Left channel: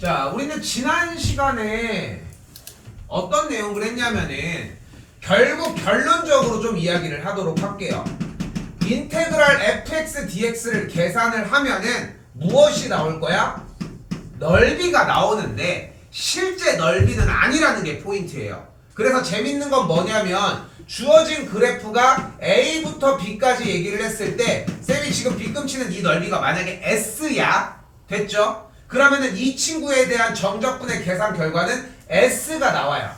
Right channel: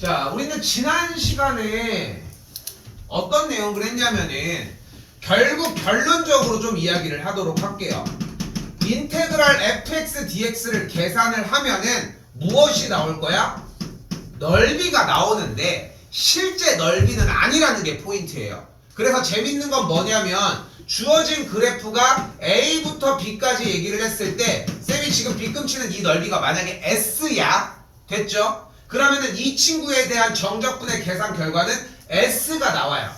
자, 우리는 지난 시간에 어떤 내용을 했냐면은 결국 결론적으로 좀 이야기를 하도록 할게요. 인테그랄 fx dx를 계산을 하면은 무엇이 나올 거야? 넓이가 나오는데 실제 넓이는 아니라는 게 포인트예요. 그래서 재밌는 건 뭐냐면 주어진 그래프가 A부터 B까지 얘기를 했을 때 쌤이 지금 빗금치는 이 넓이가 만약에 S야 됐죠? 그러면은 이 친구에 대한 정적분의 계산 결과는 S가 나와요.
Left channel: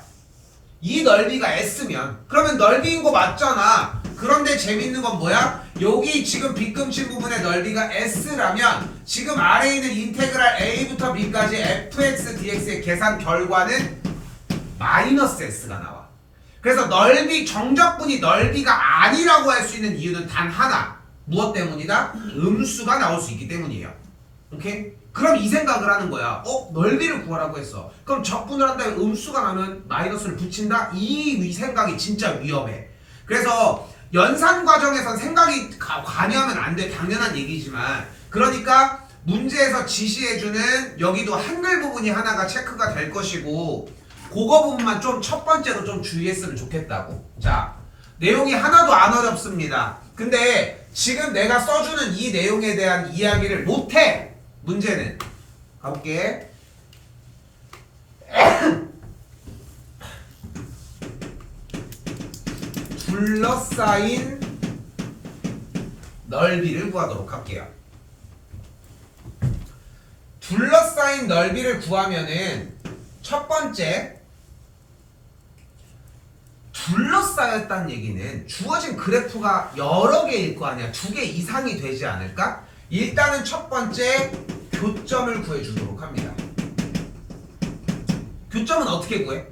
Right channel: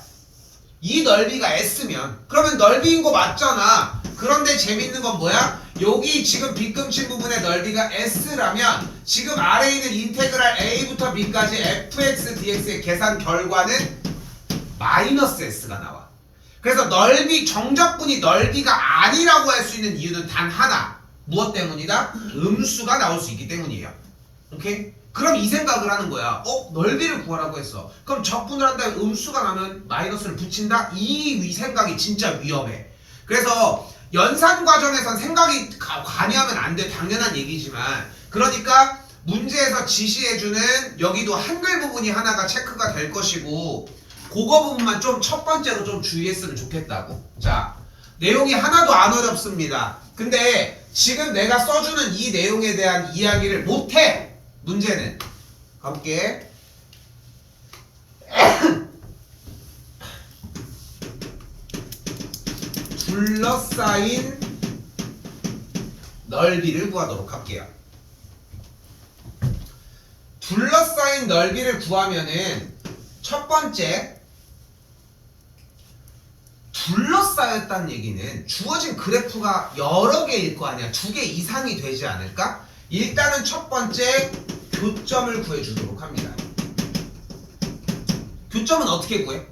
이 넓이가 S면 그러면 넓이인 거 맞잖아. 그런데 재밌는 건 뭐야? 여기 지금 빗금친 부분의 넓이가 S라면 지금 아래에 있는 인테그랄 A부터 B까지 fx dx의 계산 결과는 마이너스 S가 나와. 그래서 넓이 정적분이 넓이가 아니라고 할 수 있는 이유는 단 하나. 무엇 때문이다? 음수가 나올 수 있기 때문이에요. 오케이? 그럼 이 생각을 하는 거야. 넓이를 구하라고 했어. 그럼 적분을 한 다음에 음수가 나면 마이너스를 붙인다? 이 생각이 진짜 위험해. 그래서 연산 과정에선 생각이 관여하면 안 돼. 당연한 얘기지만. 그러니까 문제에서 지시해주는 여기도 한글 부분이 하나가 체크가 될 것이고 그거 부분만 좀 첫 번째로 좀 주의했으면 좋겠다고. 자, 내용이 하나도 안 어렵습니다. 근데 지금 내가 써주는 이 내용에 대한 이야기를 못해. 문제는 가볼게. 둘러싸인 넓이를 구하도록 할게요. 둘러싸인 넓이를 구하면은 첫 번째 둘러싸였다는 얘기는 주어진 그래프가 여러 개일 거 아니야. 2개 이상이 되지 않을까? 일단은 첫 번째 교점을 구해주도록 합니다. 교점은 어떻게 구해?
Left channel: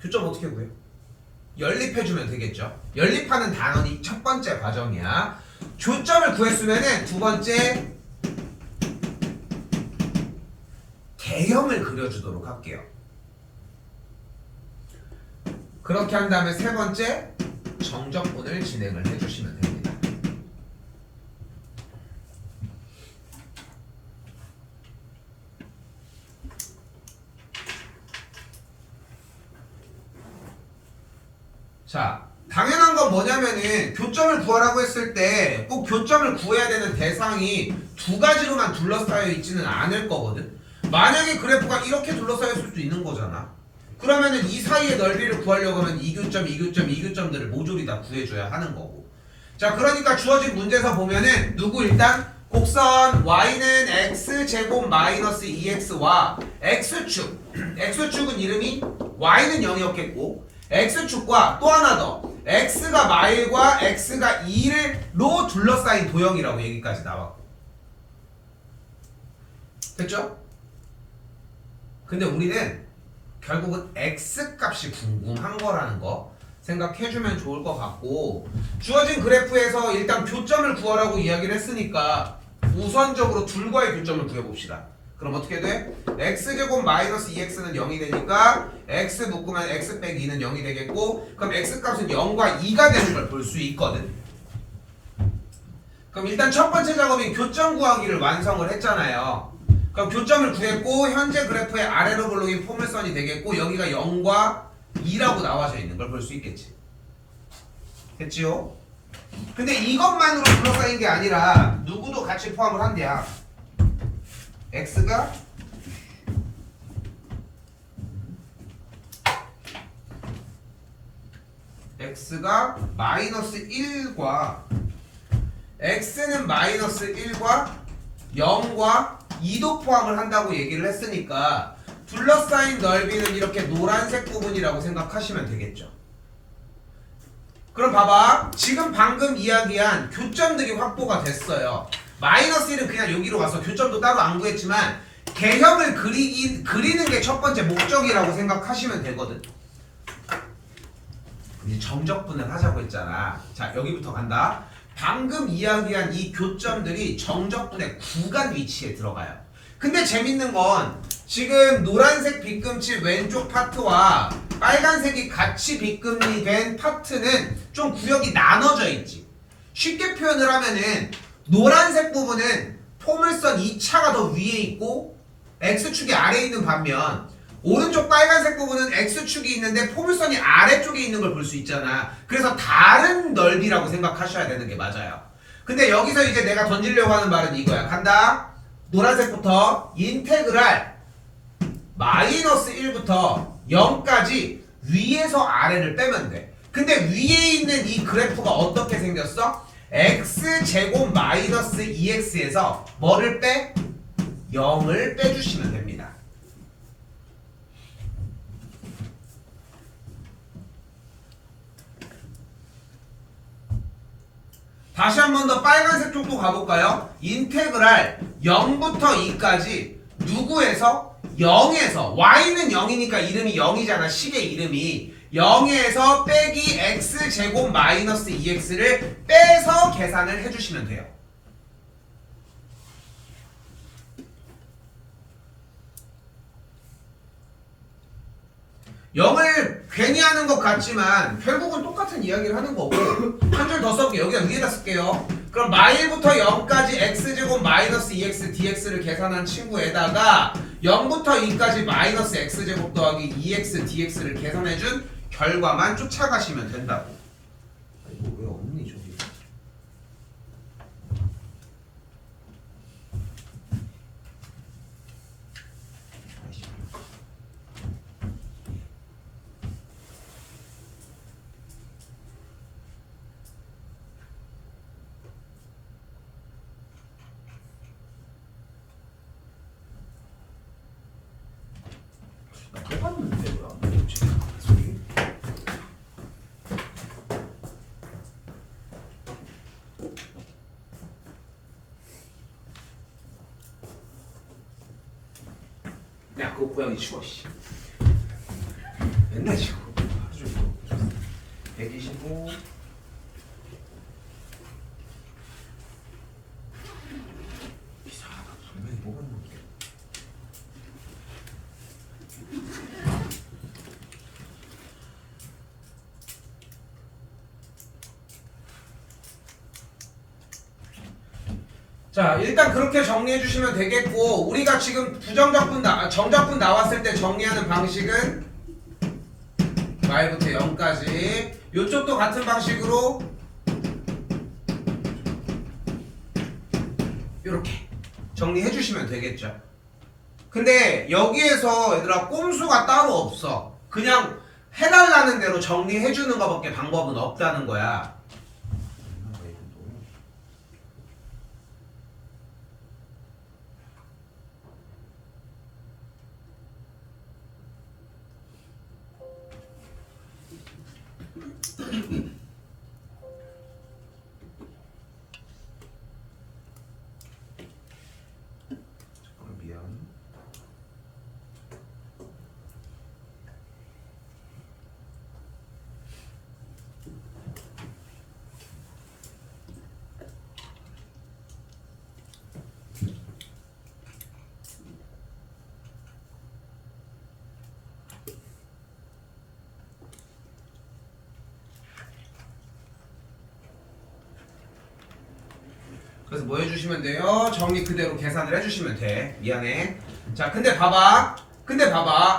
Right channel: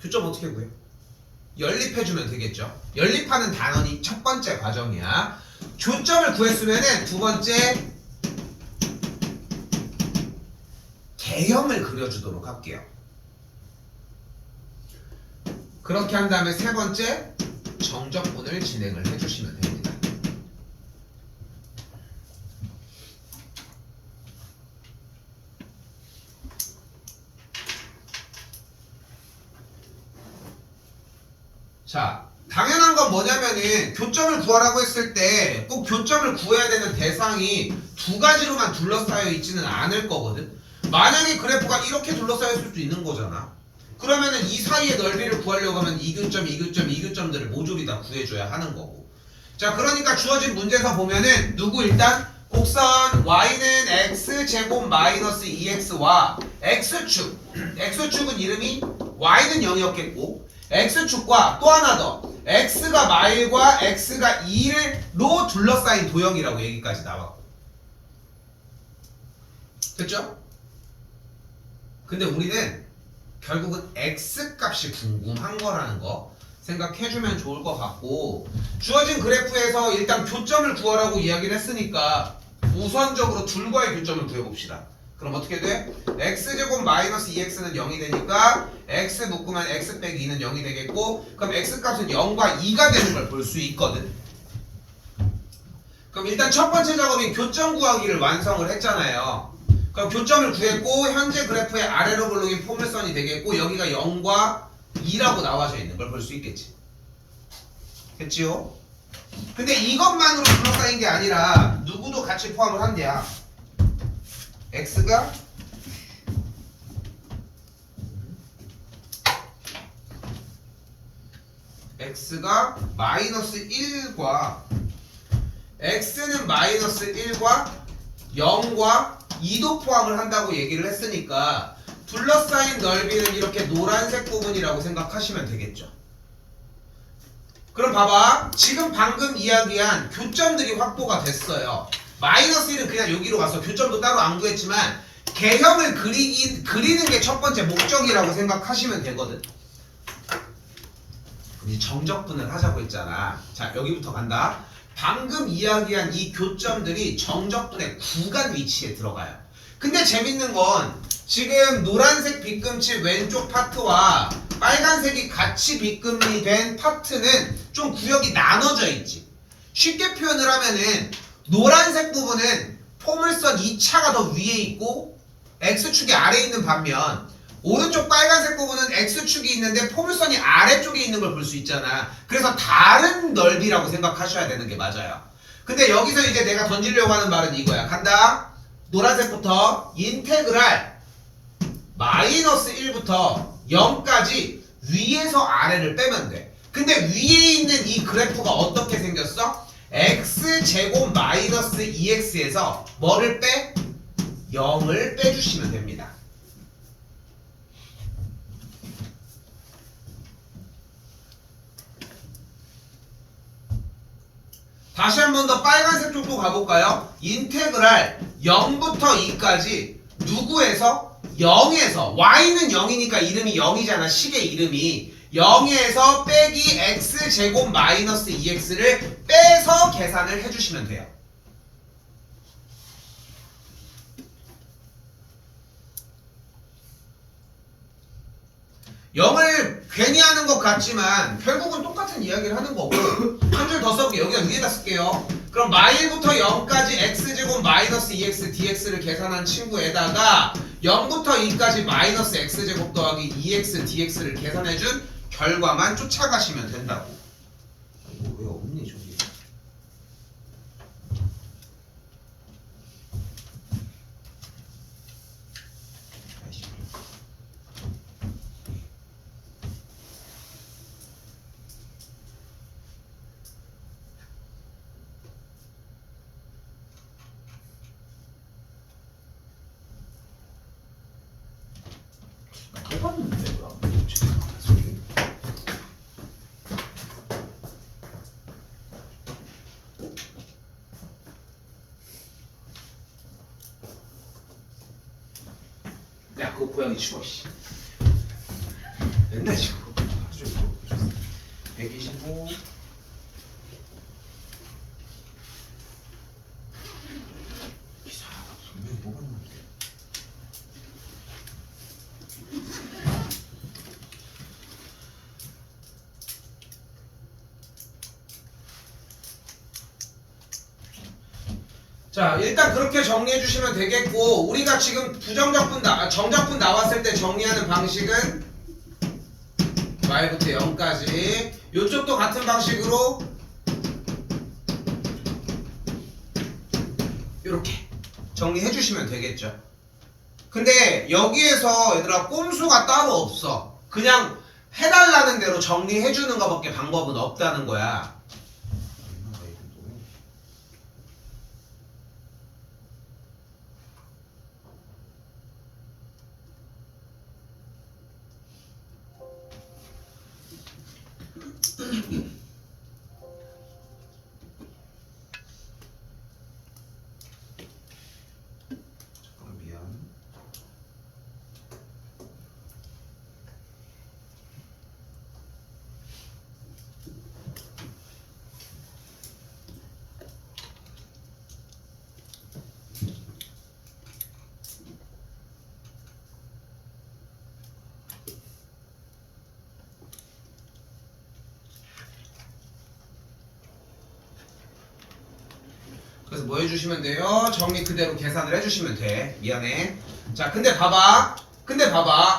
교점 어떻게 구해? 연립해주면 되겠죠. 연립하는 단원이 첫 번째 과정이야. 교점을 구했으면은 두 번째 개형을 그려주도록 할게요. 그렇게 한 다음에 세 번째 정적분을 진행을 해주시면 됩니다. 자, 당연한 건 뭐냐면은 교점을 구하라고 했을 때 꼭 교점을 구해야 되는 대상이 두 가지로만 둘러싸여 있지는 않을 거거든. 만약에 그래프가 이렇게 둘러싸였을 수도 있는 거잖아. 그러면은 이 사이의 넓이를 구하려고 하면 이 교점, 이 교점, 이 교점들을 모조리 다 구해줘야 하는 거고. 자, 그러니까 주어진 문제에서 보면은 누구 일단 곡선 y는 x제곱 마이너스 2x와 x축 x축은 이름이 y는 0이었겠고 x축과 또 하나 더 x가 마일과 x가 2로 둘러싸인 도형이라고 얘기까지 나왔고 됐죠? 근데 우리는 결국은 x값이 궁금한 거라는 거 생각해주면 좋을 것 같고 주어진 그래프에서 일단 교점을 구하라고 이야기를 했으니까 우선적으로 둘과의 교점을 구해봅시다. 그럼 어떻게 돼? x제곱 마이너스 2x는 0이 되니까 x 묶으면 x 빼기 2는 0이 되겠고 그럼 x값은 0과 2가 되는 걸 볼 수 있거든. 그럼 일단 첫 번째 작업인 교점 구하기를 완성을 했잖아요. 그럼 교점을 구했고 현재 그래프의 아래로 볼록인 포물선이 되겠고 여기가 0과 2라고 나와져 있는 걸 볼 수 있겠지. 됐지요? 근데 이것만으로 둘러싸인 게 아니라 누구도 같이 포함을 한대야. x가 마이너스 1과 x는 마이너스 1과 0과 2도 포함을 한다고 얘기를 했으니까 둘러싸인 넓이는 이렇게 노란색 부분이라고 생각하시면 되겠죠. 그럼 봐봐. 지금 방금 이야기한 교점들이 확보가 됐어요. 마이너스 1은 그냥 여기로 와서 교점도 따로 안 구했지만 개형을 그리는 게 첫 번째 목적이라고 생각하시면 되거든. 이제 정적분을 하자고 했잖아. 자, 여기부터 간다. 방금 이야기한 이 교점들이 정적분의 구간 위치에 들어가요. 근데 재밌는 건 지금 노란색 빗금칠 왼쪽 파트와 빨간색이 같이 빗금이 된 파트는 좀 구역이 나눠져 있지. 쉽게 표현을 하면은 노란색 부분은 포물선 2차가 더 위에 있고 X축이 아래에 있는 반면 오른쪽 빨간색 부분은 X축이 있는데 포물선이 아래쪽에 있는 걸 볼 수 있잖아. 그래서 다른 넓이라고 생각하셔야 되는 게 맞아요. 근데 여기서 이제 내가 던지려고 하는 말은 이거야. 간다. 노란색부터 인테그랄 마이너스 1부터 0까지 위에서 아래를 빼면 돼. 근데 위에 있는 이 그래프가 어떻게 생겼어? x제곱 마이너스 2x에서 뭐를 빼? 0을 빼주시면 됩니다. 다시 한 번 더 빨간색 쪽도 가볼까요? 인테그랄 0부터 2까지 누구에서? 0에서 y는 0이니까 이름이 0이잖아. 식의 이름이 0에서 빼기 x제곱 마이너스 2x를 빼서 계산을 해주시면 돼요. 영을 괜히 하는 것 같지만 결국은 똑같은 이야기를 하는 거고 한 줄 더 써볼게요. 여기다 위에다 쓸게요. 그럼 마일부터 0까지 x제곱 마이너스 2x dx를 계산한 친구에다가 0부터 2까지 마이너스 x제곱 더하기 2x dx를 계산해준 결과만 쫓아가시면 된다고. 이거 왜 없니 저기. 해봤는데 뭐야? 소리? 야 그거 고양이 치워 씨. 옛날 치워. 아주 125. 이상하다. 분명히 뽑았는데. 자 일단 그렇게 정리해 주시면 되겠고 우리가 지금 부정적분 정적분 나왔을 때 정리하는 방식은 y부터 0까지 요쪽도 같은 방식으로 이렇게 정리해 주시면 되겠죠. 근데 여기에서 얘들아 꼼수가 따로 없어. 그냥 해달라는 대로 정리해 주는 것밖에 방법은 없다는 거야. 그래서 뭐 해주시면 돼요? 정리 그대로 계산을 해주시면 돼. 미안해. 자, 근데 봐봐.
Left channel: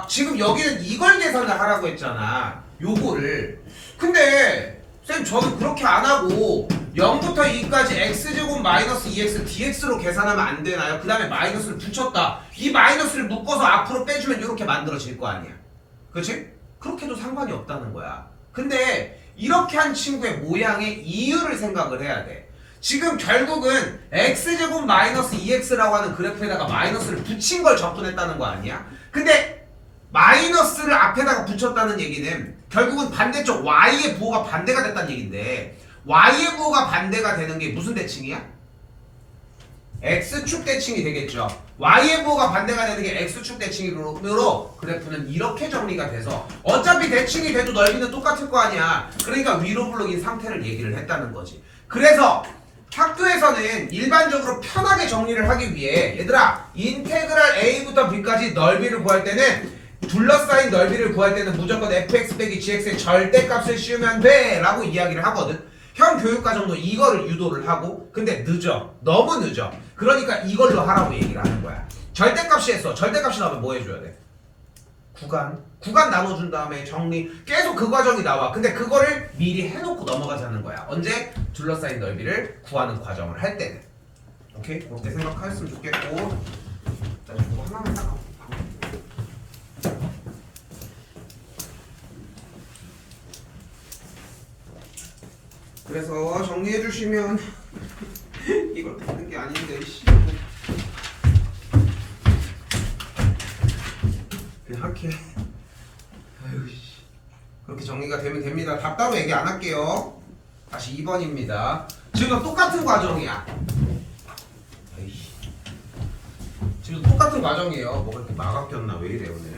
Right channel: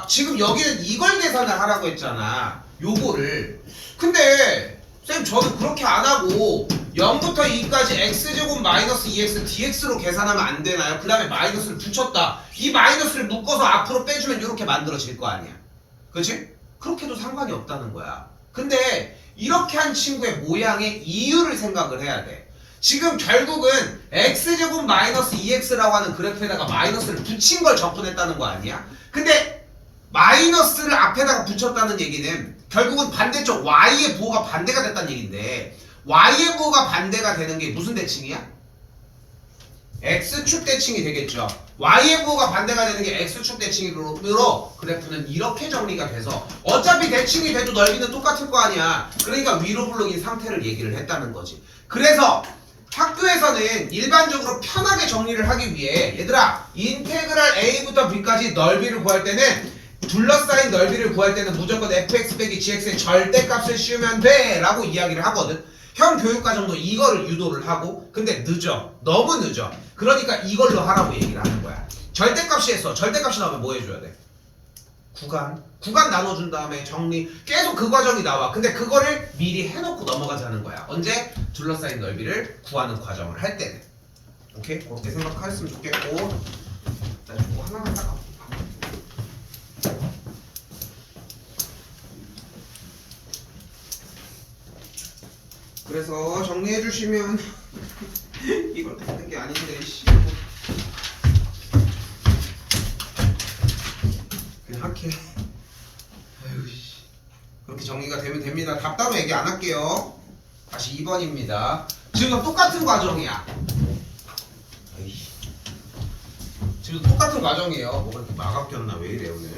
지금 여기는 이걸 계산을 하라고 했잖아. 요거를. 근데 쌤 저는 그렇게 안 하고 0부터 2까지 x제곱 마이너스 2x dx로 계산하면 안 되나요? 그 다음에 마이너스를 붙였다. 이 마이너스를 묶어서 앞으로 빼주면 이렇게 만들어질 거 아니야. 그렇지? 그렇게도 상관이 없다는 거야. 근데 이렇게 한 친구의 모양의 이유를 생각을 해야 돼. 지금 결국은 x제곱 마이너스 2x라고 하는 그래프에다가 마이너스를 붙인 걸 접근했다는 거 아니야? 근데 마이너스를 앞에다가 붙였다는 얘기는 결국은 반대쪽 y의 부호가 반대가 됐다는 얘기인데 y의 부호가 반대가 되는 게 무슨 대칭이야? x축 대칭이 되겠죠. y의 부호가 반대가 되는 게 x축 대칭으로 그래프는 이렇게 정리가 돼서 어차피 대칭이 돼도 넓이는 똑같을 거 아니야. 그러니까 위로 블록인 상태를 얘기를 했다는 거지. 그래서 학교에서는 일반적으로 편하게 정리를 하기 위해 얘들아 인테그랄 a부터 b까지 넓이를 구할 때는 둘러싸인 넓이를 구할 때는 무조건 fx 빼기 gx의 절대값을 씌우면 돼 라고 이야기를 하거든. 형 교육과정도 이거를 유도를 하고 근데 늦어. 너무 늦어. 그러니까 이걸로 하라고 얘기를 하는 거야. 절대값이 했어. 절대값이 나오면 뭐 해줘야 돼? 구간 나눠준 다음에 정리. 계속 그 과정이 나와. 근데 그거를 미리 해놓고 넘어가자는 거야. 언제? 둘러싸인 넓이를 구하는 과정을 할 때는. 오케이? 그렇게 생각했으면 좋겠고. 나 이거 하나만 딱. 그래서 정리해 주시면 이걸 받는 게 아닌데 씨. 그냥 할게. 아유 씨. 그렇게 정리가 되면 됩니다. 답답해 얘기 안 할게요. 다시 2번입니다. 지금 똑같은 과정이야. 아이씨. 지금 똑같은 과정이에요. 뭐가 이렇게 마가 꼈나 왜 이래 오늘.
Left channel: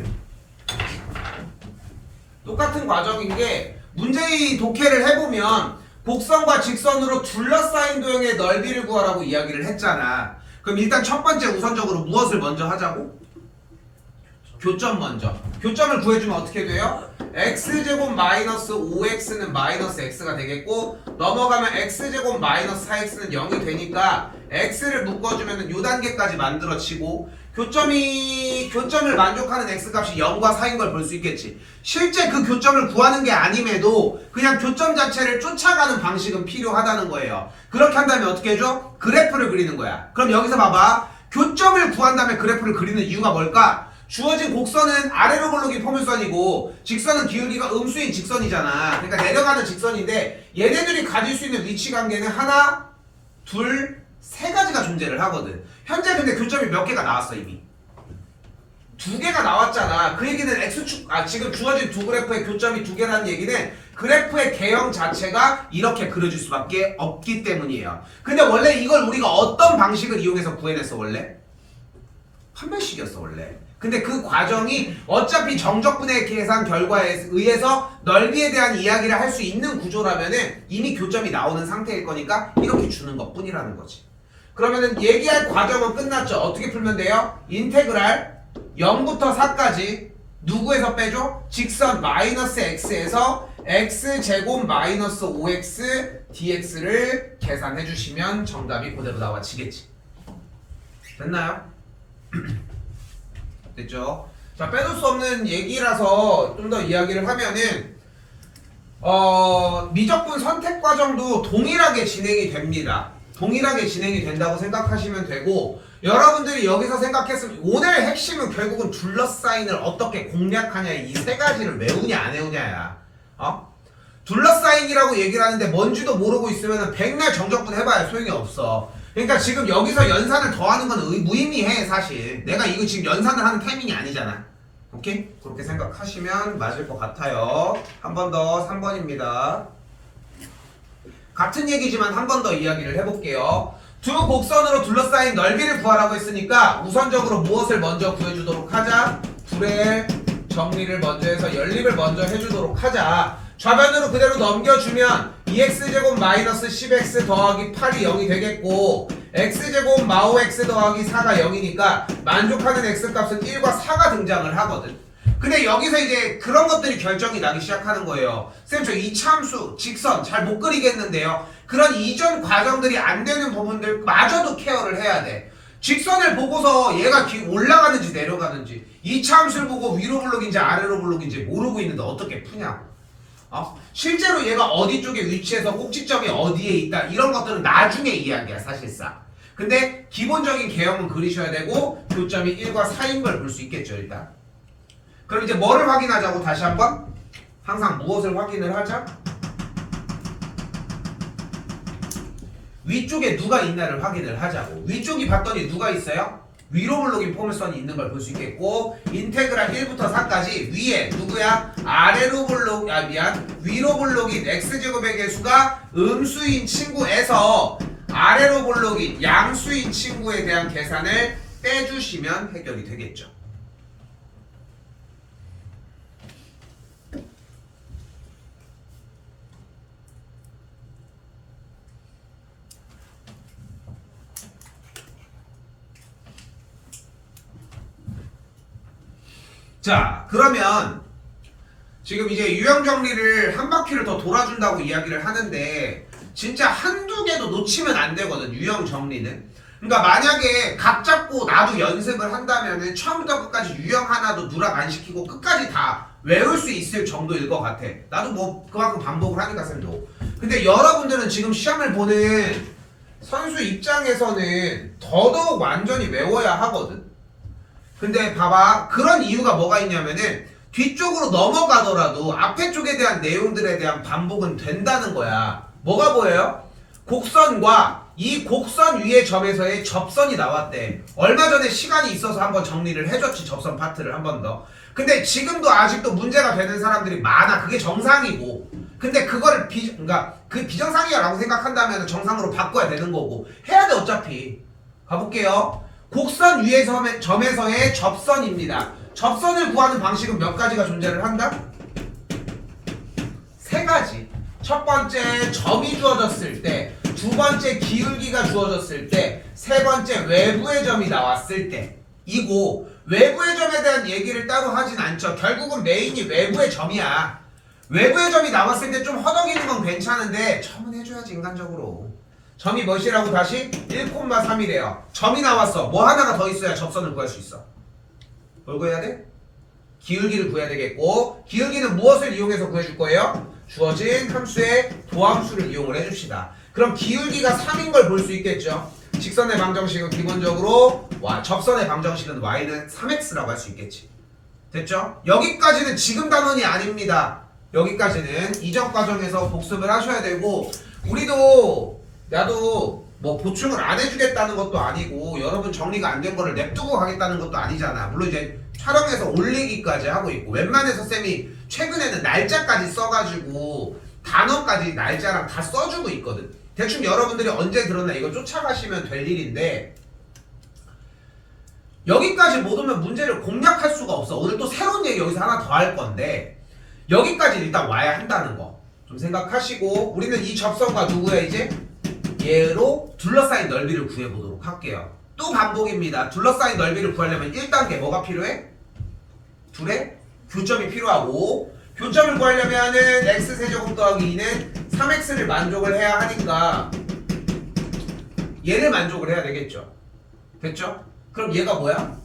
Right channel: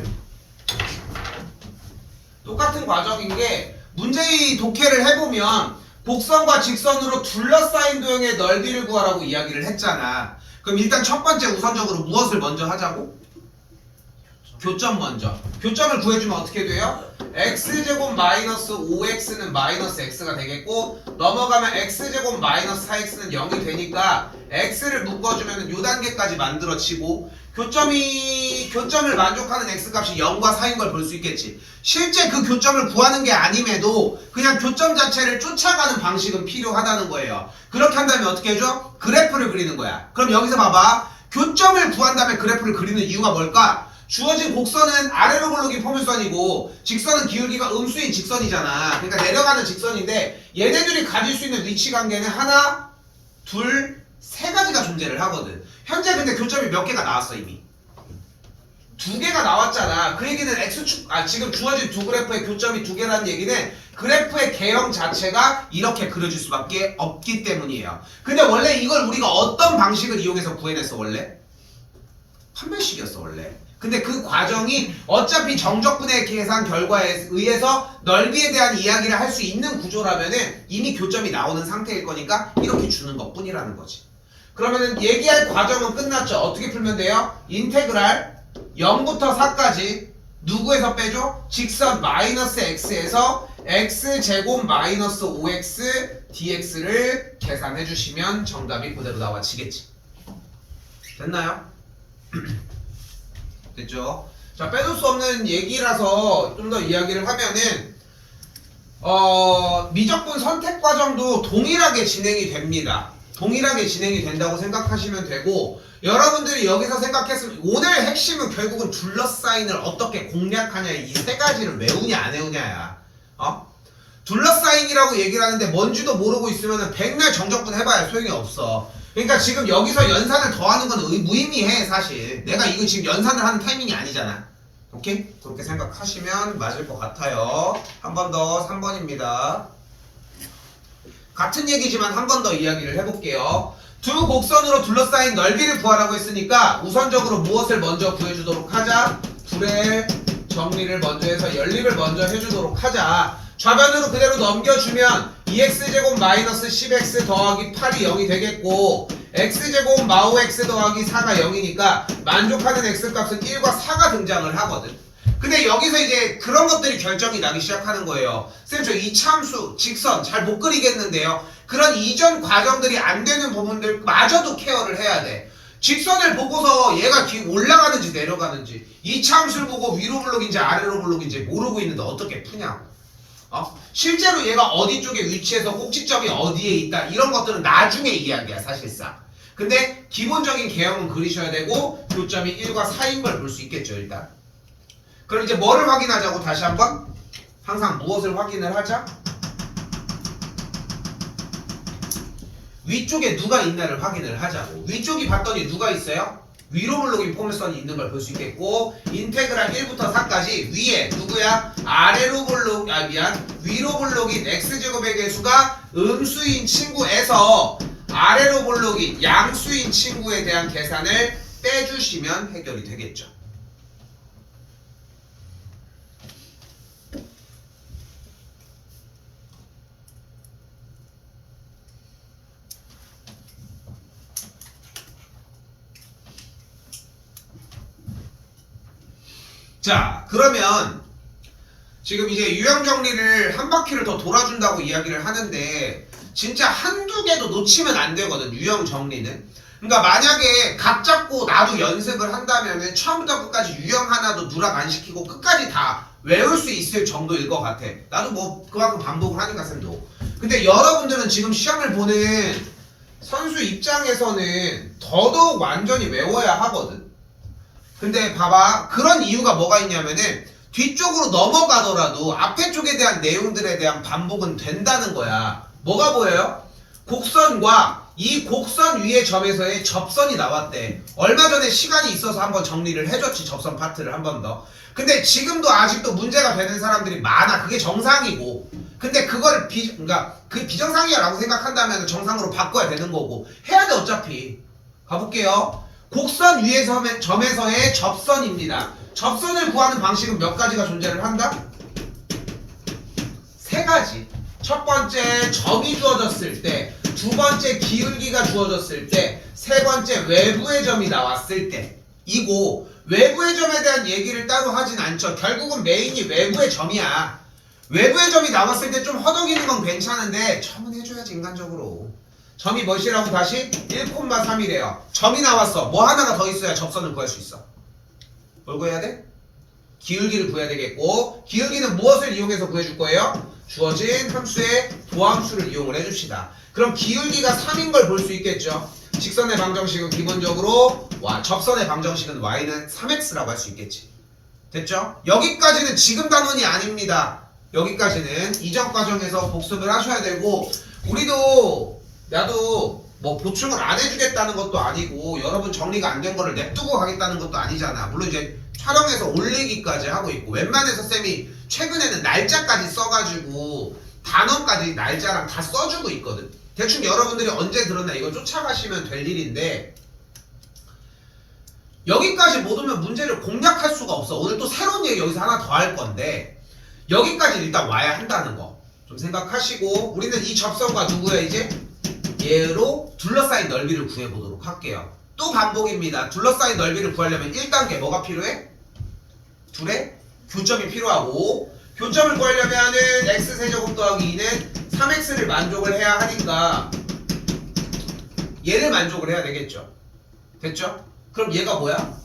똑같은 과정인 게 문제의 독해를 해보면 곡선과 직선으로 둘러싸인 도형의 넓이를 구하라고 이야기를 했잖아. 그럼 일단 첫 번째 우선적으로 무엇을 먼저 하자고? 교점 먼저. 교점을 구해주면 어떻게 돼요? x제곱 마이너스 5x는 마이너스 x가 되겠고 넘어가면 x제곱 마이너스 4x는 0이 되니까 x를 묶어주면 요 단계까지 만들어지고 교점을 만족하는 x값이 0과 4인 걸 볼 수 있겠지. 실제 그 교점을 구하는 게 아님에도 그냥 교점 자체를 쫓아가는 방식은 필요하다는 거예요. 그렇게 한다면 어떻게 해줘? 그래프를 그리는 거야. 그럼 여기서 봐봐. 교점을 구한 다음에 그래프를 그리는 이유가 뭘까? 주어진 곡선은 아래로 굴러긴 포물선이고 직선은 기울기가 음수인 직선이잖아. 그러니까 내려가는 직선인데 얘네들이 가질 수 있는 위치 관계는 하나, 둘, 세 가지가 존재를 하거든. 현재 근데 교점이 몇 개가 나왔어 이미? 2개가 나왔잖아. 그 얘기는 x축 지금 주어진 두 그래프의 교점이 2개라는 얘기는 그래프의 개형 자체가 이렇게 그려질 수밖에 없기 때문이에요. 근데 원래 이걸 우리가 어떤 방식을 이용해서 구해냈어 원래? 판별식이었어 원래. 근데 그 과정이 어차피 정적분의 계산 결과에 의해서 넓이에 대한 이야기를 할 수 있는 구조라면은 이미 교점이 나오는 상태일 거니까 이렇게 주는 것 뿐이라는 거지. 그러면은 얘기할 과정은 끝났죠. 어떻게 풀면 돼요? 인테그랄 0부터 4까지 누구에서 빼줘? 직선 마이너스 x에서 x제곱 마이너스 5x dx를 계산해 주시면 정답이 그대로 나와지겠지. 됐나요? 됐죠? 자, 빼놓을 수 없는 얘기라서 좀 더 이야기를 하면은 미적분 선택 과정도 동일하게 진행이 됩니다. 동일하게 진행이 된다고 생각하시면 되고 여러분들이 여기서 생각했으면 오늘 핵심은 결국은 둘러싸인을 어떻게 공략하냐 이 세 가지를 외우냐 안 외우냐야. 둘러싸인이라고 얘기를 하는데 뭔지도 모르고 있으면 백날 정적분 해봐야 소용이 없어. 그러니까 지금 여기서 연산을 더하는 건 무의미해 사실. 내가 이거 지금 연산을 하는 타이밍이 아니잖아. 오케이? 그렇게 생각하시면 맞을 것 같아요. 한 번 더 3번입니다. 같은 얘기지만 한 번 더 이야기를 해볼게요. 두 곡선으로 둘러싸인 넓이를 구하라고 했으니까 우선적으로 무엇을 먼저 구해주도록 하자? 둘의 정리를 먼저 해서 연립을 먼저 해주도록 하자. 좌변으로 그대로 넘겨주면 2x제곱 마이너스 10x 더하기 8이 0이 되겠고 x제곱 마오 x 더하기 4가 0이니까 만족하는 x값은 1과 4가 등장을 하거든. 근데 여기서 이제 그런 것들이 결정이 나기 시작하는 거예요. 쌤, 저 이차함수, 직선 잘 못 그리겠는데요. 그런 이전 과정들이 안 되는 부분들마저도 케어를 해야 돼. 직선을 보고서 얘가 올라가는지 내려가는지 이차함수를 보고 위로 블록인지 아래로 블록인지 모르고 있는데 어떻게 푸냐고. 실제로 얘가 어디 쪽에 위치해서 꼭지점이 어디에 있다 이런 것들은 나중에 이야기야 사실상. 근데 기본적인 개형은 그리셔야 되고 교점이 1과 4인 걸 볼 수 있겠죠 일단. 그럼 이제 뭐를 확인하자고 다시 한번? 항상 무엇을 확인을 하자? 위쪽에 누가 있나를 확인을 하자고. 위쪽이 봤더니 누가 있어요? 위로 블록인 포물선이 있는 걸 볼 수 있겠고 인테그랄 1부터 4까지 위에 누구야? 아래로 블록 위로 블록인 x제곱의 개수가 음수인 친구에서 아래로 블록인 양수인 친구에 대한 계산을 빼주시면 해결이 되겠죠. 자, 그러면 지금 이제 유형 정리를 한 바퀴를 더 돌아준다고 이야기를 하는데 진짜 한두 개도 놓치면 안 되거든, 유형 정리는. 그러니까 만약에 각 잡고 나도 연습을 한다면은 처음부터 끝까지 유형 하나도 누락 안 시키고 끝까지 다 외울 수 있을 정도일 것 같아. 나도 뭐 그만큼 반복을 하니까 쌤도. 근데 여러분들은 지금 시험을 보는 선수 입장에서는 더더욱 완전히 외워야 하거든. 근데 봐봐, 그런 이유가 뭐가 있냐면은 뒤쪽으로 넘어가더라도 앞에 쪽에 대한 내용들에 대한 반복은 된다는 거야. 뭐가 보여요? 곡선과 이 곡선 위의 점에서의 접선이 나왔대. 얼마 전에 시간이 있어서 한번 정리를 해줬지, 접선 파트를 한 번 더. 근데 지금도 아직도 문제가 되는 사람들이 많아. 그게 정상이고. 근데 그거를 그러니까 그 비정상이라고 생각한다면 정상으로 바꿔야 되는 거고. 해야 돼 어차피. 가볼게요. 곡선 위의 점에서의 접선입니다. 접선을 구하는 방식은 몇 가지가 존재를 한다? 세 가지. 첫 번째, 점이 주어졌을 때, 두 번째, 기울기가 주어졌을 때, 세 번째, 외부의 점이 나왔을 때. 이고 외부의 점에 대한 얘기를 따로 하진 않죠. 결국은 메인이 외부의 점이야. 외부의 점이 나왔을 때 좀 허덕이는 건 괜찮은데 점은 해줘야지, 인간적으로. 점이 몇이라고 다시? 1,3이래요. 점이 나왔어. 뭐 하나가 더 있어야 접선을 구할 수 있어. 뭘 구해야 돼? 기울기를 구해야 되겠고, 기울기는 무엇을 이용해서 구해줄 거예요? 주어진 함수의 도함수를 이용을 해줍시다. 그럼 기울기가 3인 걸 볼 수 있겠죠. 직선의 방정식은 기본적으로 접선의 방정식은 y는 3x라고 할 수 있겠지. 됐죠? 여기까지는 지금 단원이 아닙니다. 여기까지는 이전 과정에서 복습을 하셔야 되고, 나도 뭐 보충을 안 해주겠다는 것도 아니고 여러분 정리가 안 된 거를 냅두고 가겠다는 것도 아니잖아. 물론 이제 촬영해서 올리기까지 하고 있고, 웬만해서 쌤이 최근에는 날짜까지 써가지고 단원까지 날짜랑 다 써주고 있거든. 대충 여러분들이 언제 들었나 이거 쫓아가시면 될 일인데, 여기까지 못 오면 문제를 공략할 수가 없어. 오늘 또 새로운 얘기 여기서 하나 더 할 건데, 여기까지 일단 와야 한다는 거 좀 생각하시고, 우리는 이 접선과 누구야 이제? 얘로 둘러싸인 넓이를 구해보도록 할게요. 또 반복입니다. 둘러싸인 넓이를 구하려면 1단계 뭐가 필요해? 둘의 교점이 필요하고, 교점을 구하려면은 x세제곱 더하기 2는 3x를 만족을 해야 하니까 얘를 만족을 해야 되겠죠. 됐죠? 그럼 얘가 뭐야?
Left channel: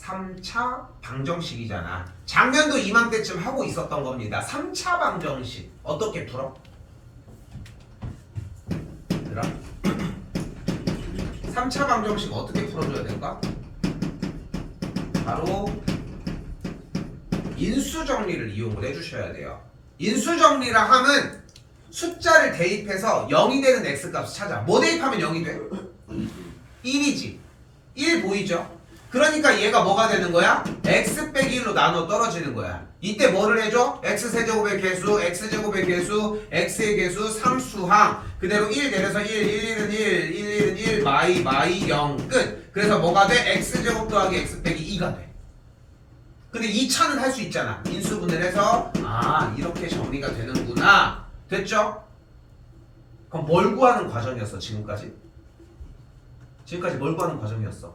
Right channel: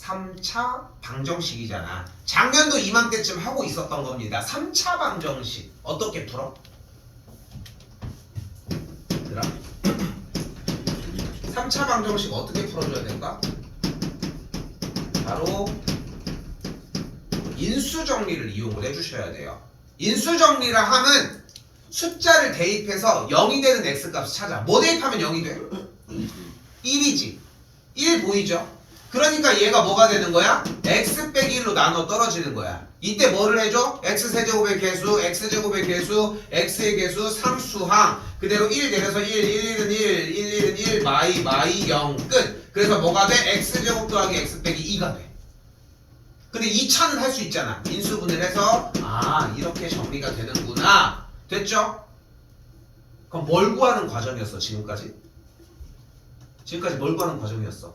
3차 방정식이잖아. 작년도 이맘때쯤 하고 있었던 겁니다. 3차 방정식 어떻게 풀어? 그럼 3차 방정식 어떻게 풀어줘야 될까? 바로 인수정리를 이용을 해주셔야 돼요. 인수정리라 함은 숫자를 대입해서 0이 되는 x값을 찾아. 뭐 대입하면 0이 돼? 1이지. 1 보이죠? 그러니까 얘가 뭐가 되는 거야? x 빼기 1로 나눠 떨어지는 거야. 이때 뭐를 해줘? x세제곱의 개수, x제곱의 개수, x의 개수, 상수항. 그대로 1 내려서 1, 1, 1은 1, 1, 1은 1, 마이 0 끝. 그래서 뭐가 돼? x제곱 더하기 x 빼기 2가 돼. 근데 2차는 할 수 있잖아. 인수분해를 해서 이렇게 정리가 되는구나. 됐죠? 그럼 뭘 구하는 과정이었어 지금까지? 지금까지 뭘 구하는 과정이었어?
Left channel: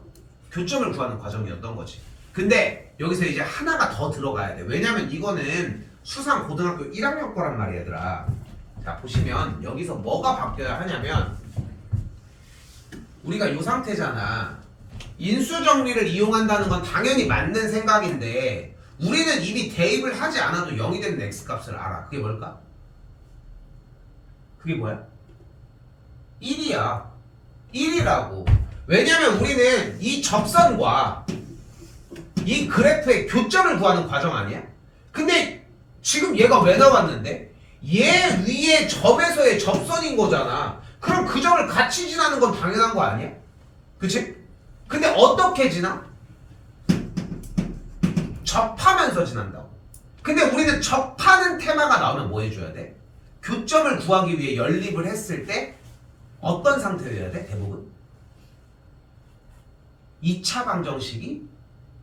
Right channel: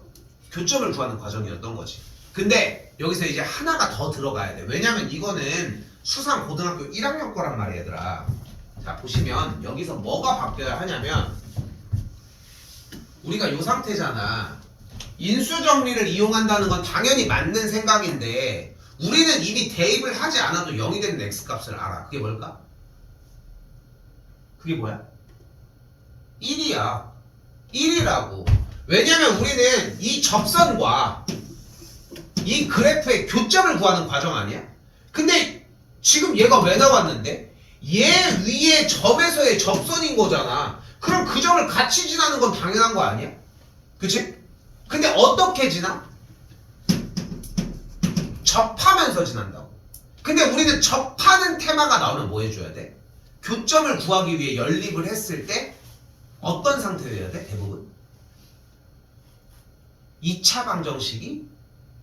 교점을 구하는 과정이었던 거지. 근데 여기서 이제 하나가 더 들어가야 돼. 왜냐면 이거는 수상 고등학교 1학년 거란 말이야, 얘들아. 자, 보시면 여기서 뭐가 바뀌어야 하냐면, 우리가 이 상태잖아. 인수정리를 이용한다는 건 당연히 맞는 생각인데, 우리는 이미 대입을 하지 않아도 0이 되는 x값을 알아. 그게 뭘까? 그게 뭐야? 1이야. 1이라고. 왜냐면 우리는 이 접선과 이 그래프의 교점을 구하는 과정 아니야? 근데 지금 얘가 왜 나왔는데? 얘 위에 점에서의 접선인 거잖아. 그럼 그 점을 같이 지나는 건 당연한 거 아니야? 그치? 근데 어떻게 지나? 접하면서 지난다고. 근데 우리는 접하는 테마가 나오면 뭐 해줘야 돼? 교점을 구하기 위해 연립을 했을 때 어떤 상태여야 돼? 대부분 2차 방정식이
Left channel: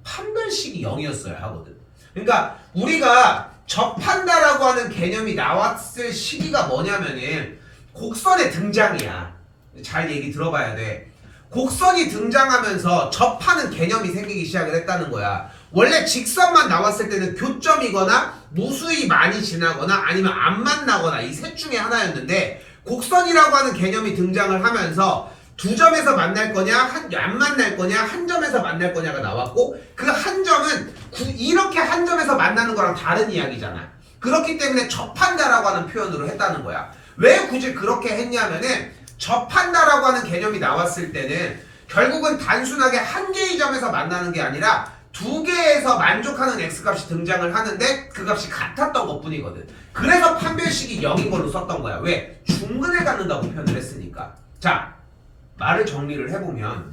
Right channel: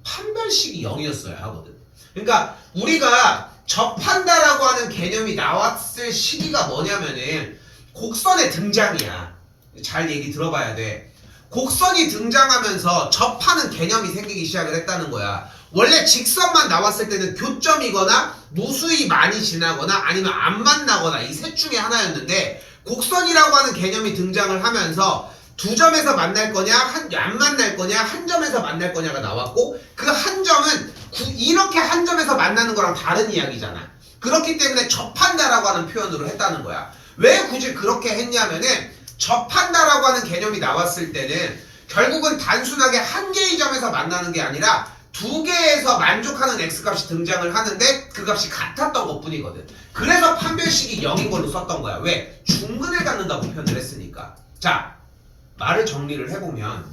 판별식이 0이었어야 하거든. 그러니까 우리가 접한다라고 하는 개념이 나왔을 시기가 뭐냐면은 곡선의 등장이야. 잘 얘기 들어봐야 돼. 곡선이 등장하면서 접하는 개념이 생기기 시작을 했다는 거야. 원래 직선만 나왔을 때는 교점이거나 무수히 많이 지나거나 아니면 안 만나거나 이 셋 중에 하나였는데 곡선이라고 하는 개념이 등장을 하면서 두 점에서 만날 거냐 안 만날 거냐 한 점에서 만날 거냐가 나왔고 그 한 점은 이렇게 한 점에서 만나는 거랑 다른 이야기잖아. 그렇기 때문에 접한다라고 하는 표현으로 했다는 거야. 왜 굳이 그렇게 했냐면은 접한다라고 하는 개념이 나왔을 때는 결국은 단순하게 한 개의 점에서 만나는 게 아니라 두 개에서 만족하는 x값이 등장을 하는데 그 값이 같았던 것 뿐이거든. 그래서 판별식이 0인 걸로 썼던 거야. 왜? 중근을 갖는다고 표현을 했으니까. 자, 말을 정리를 해보면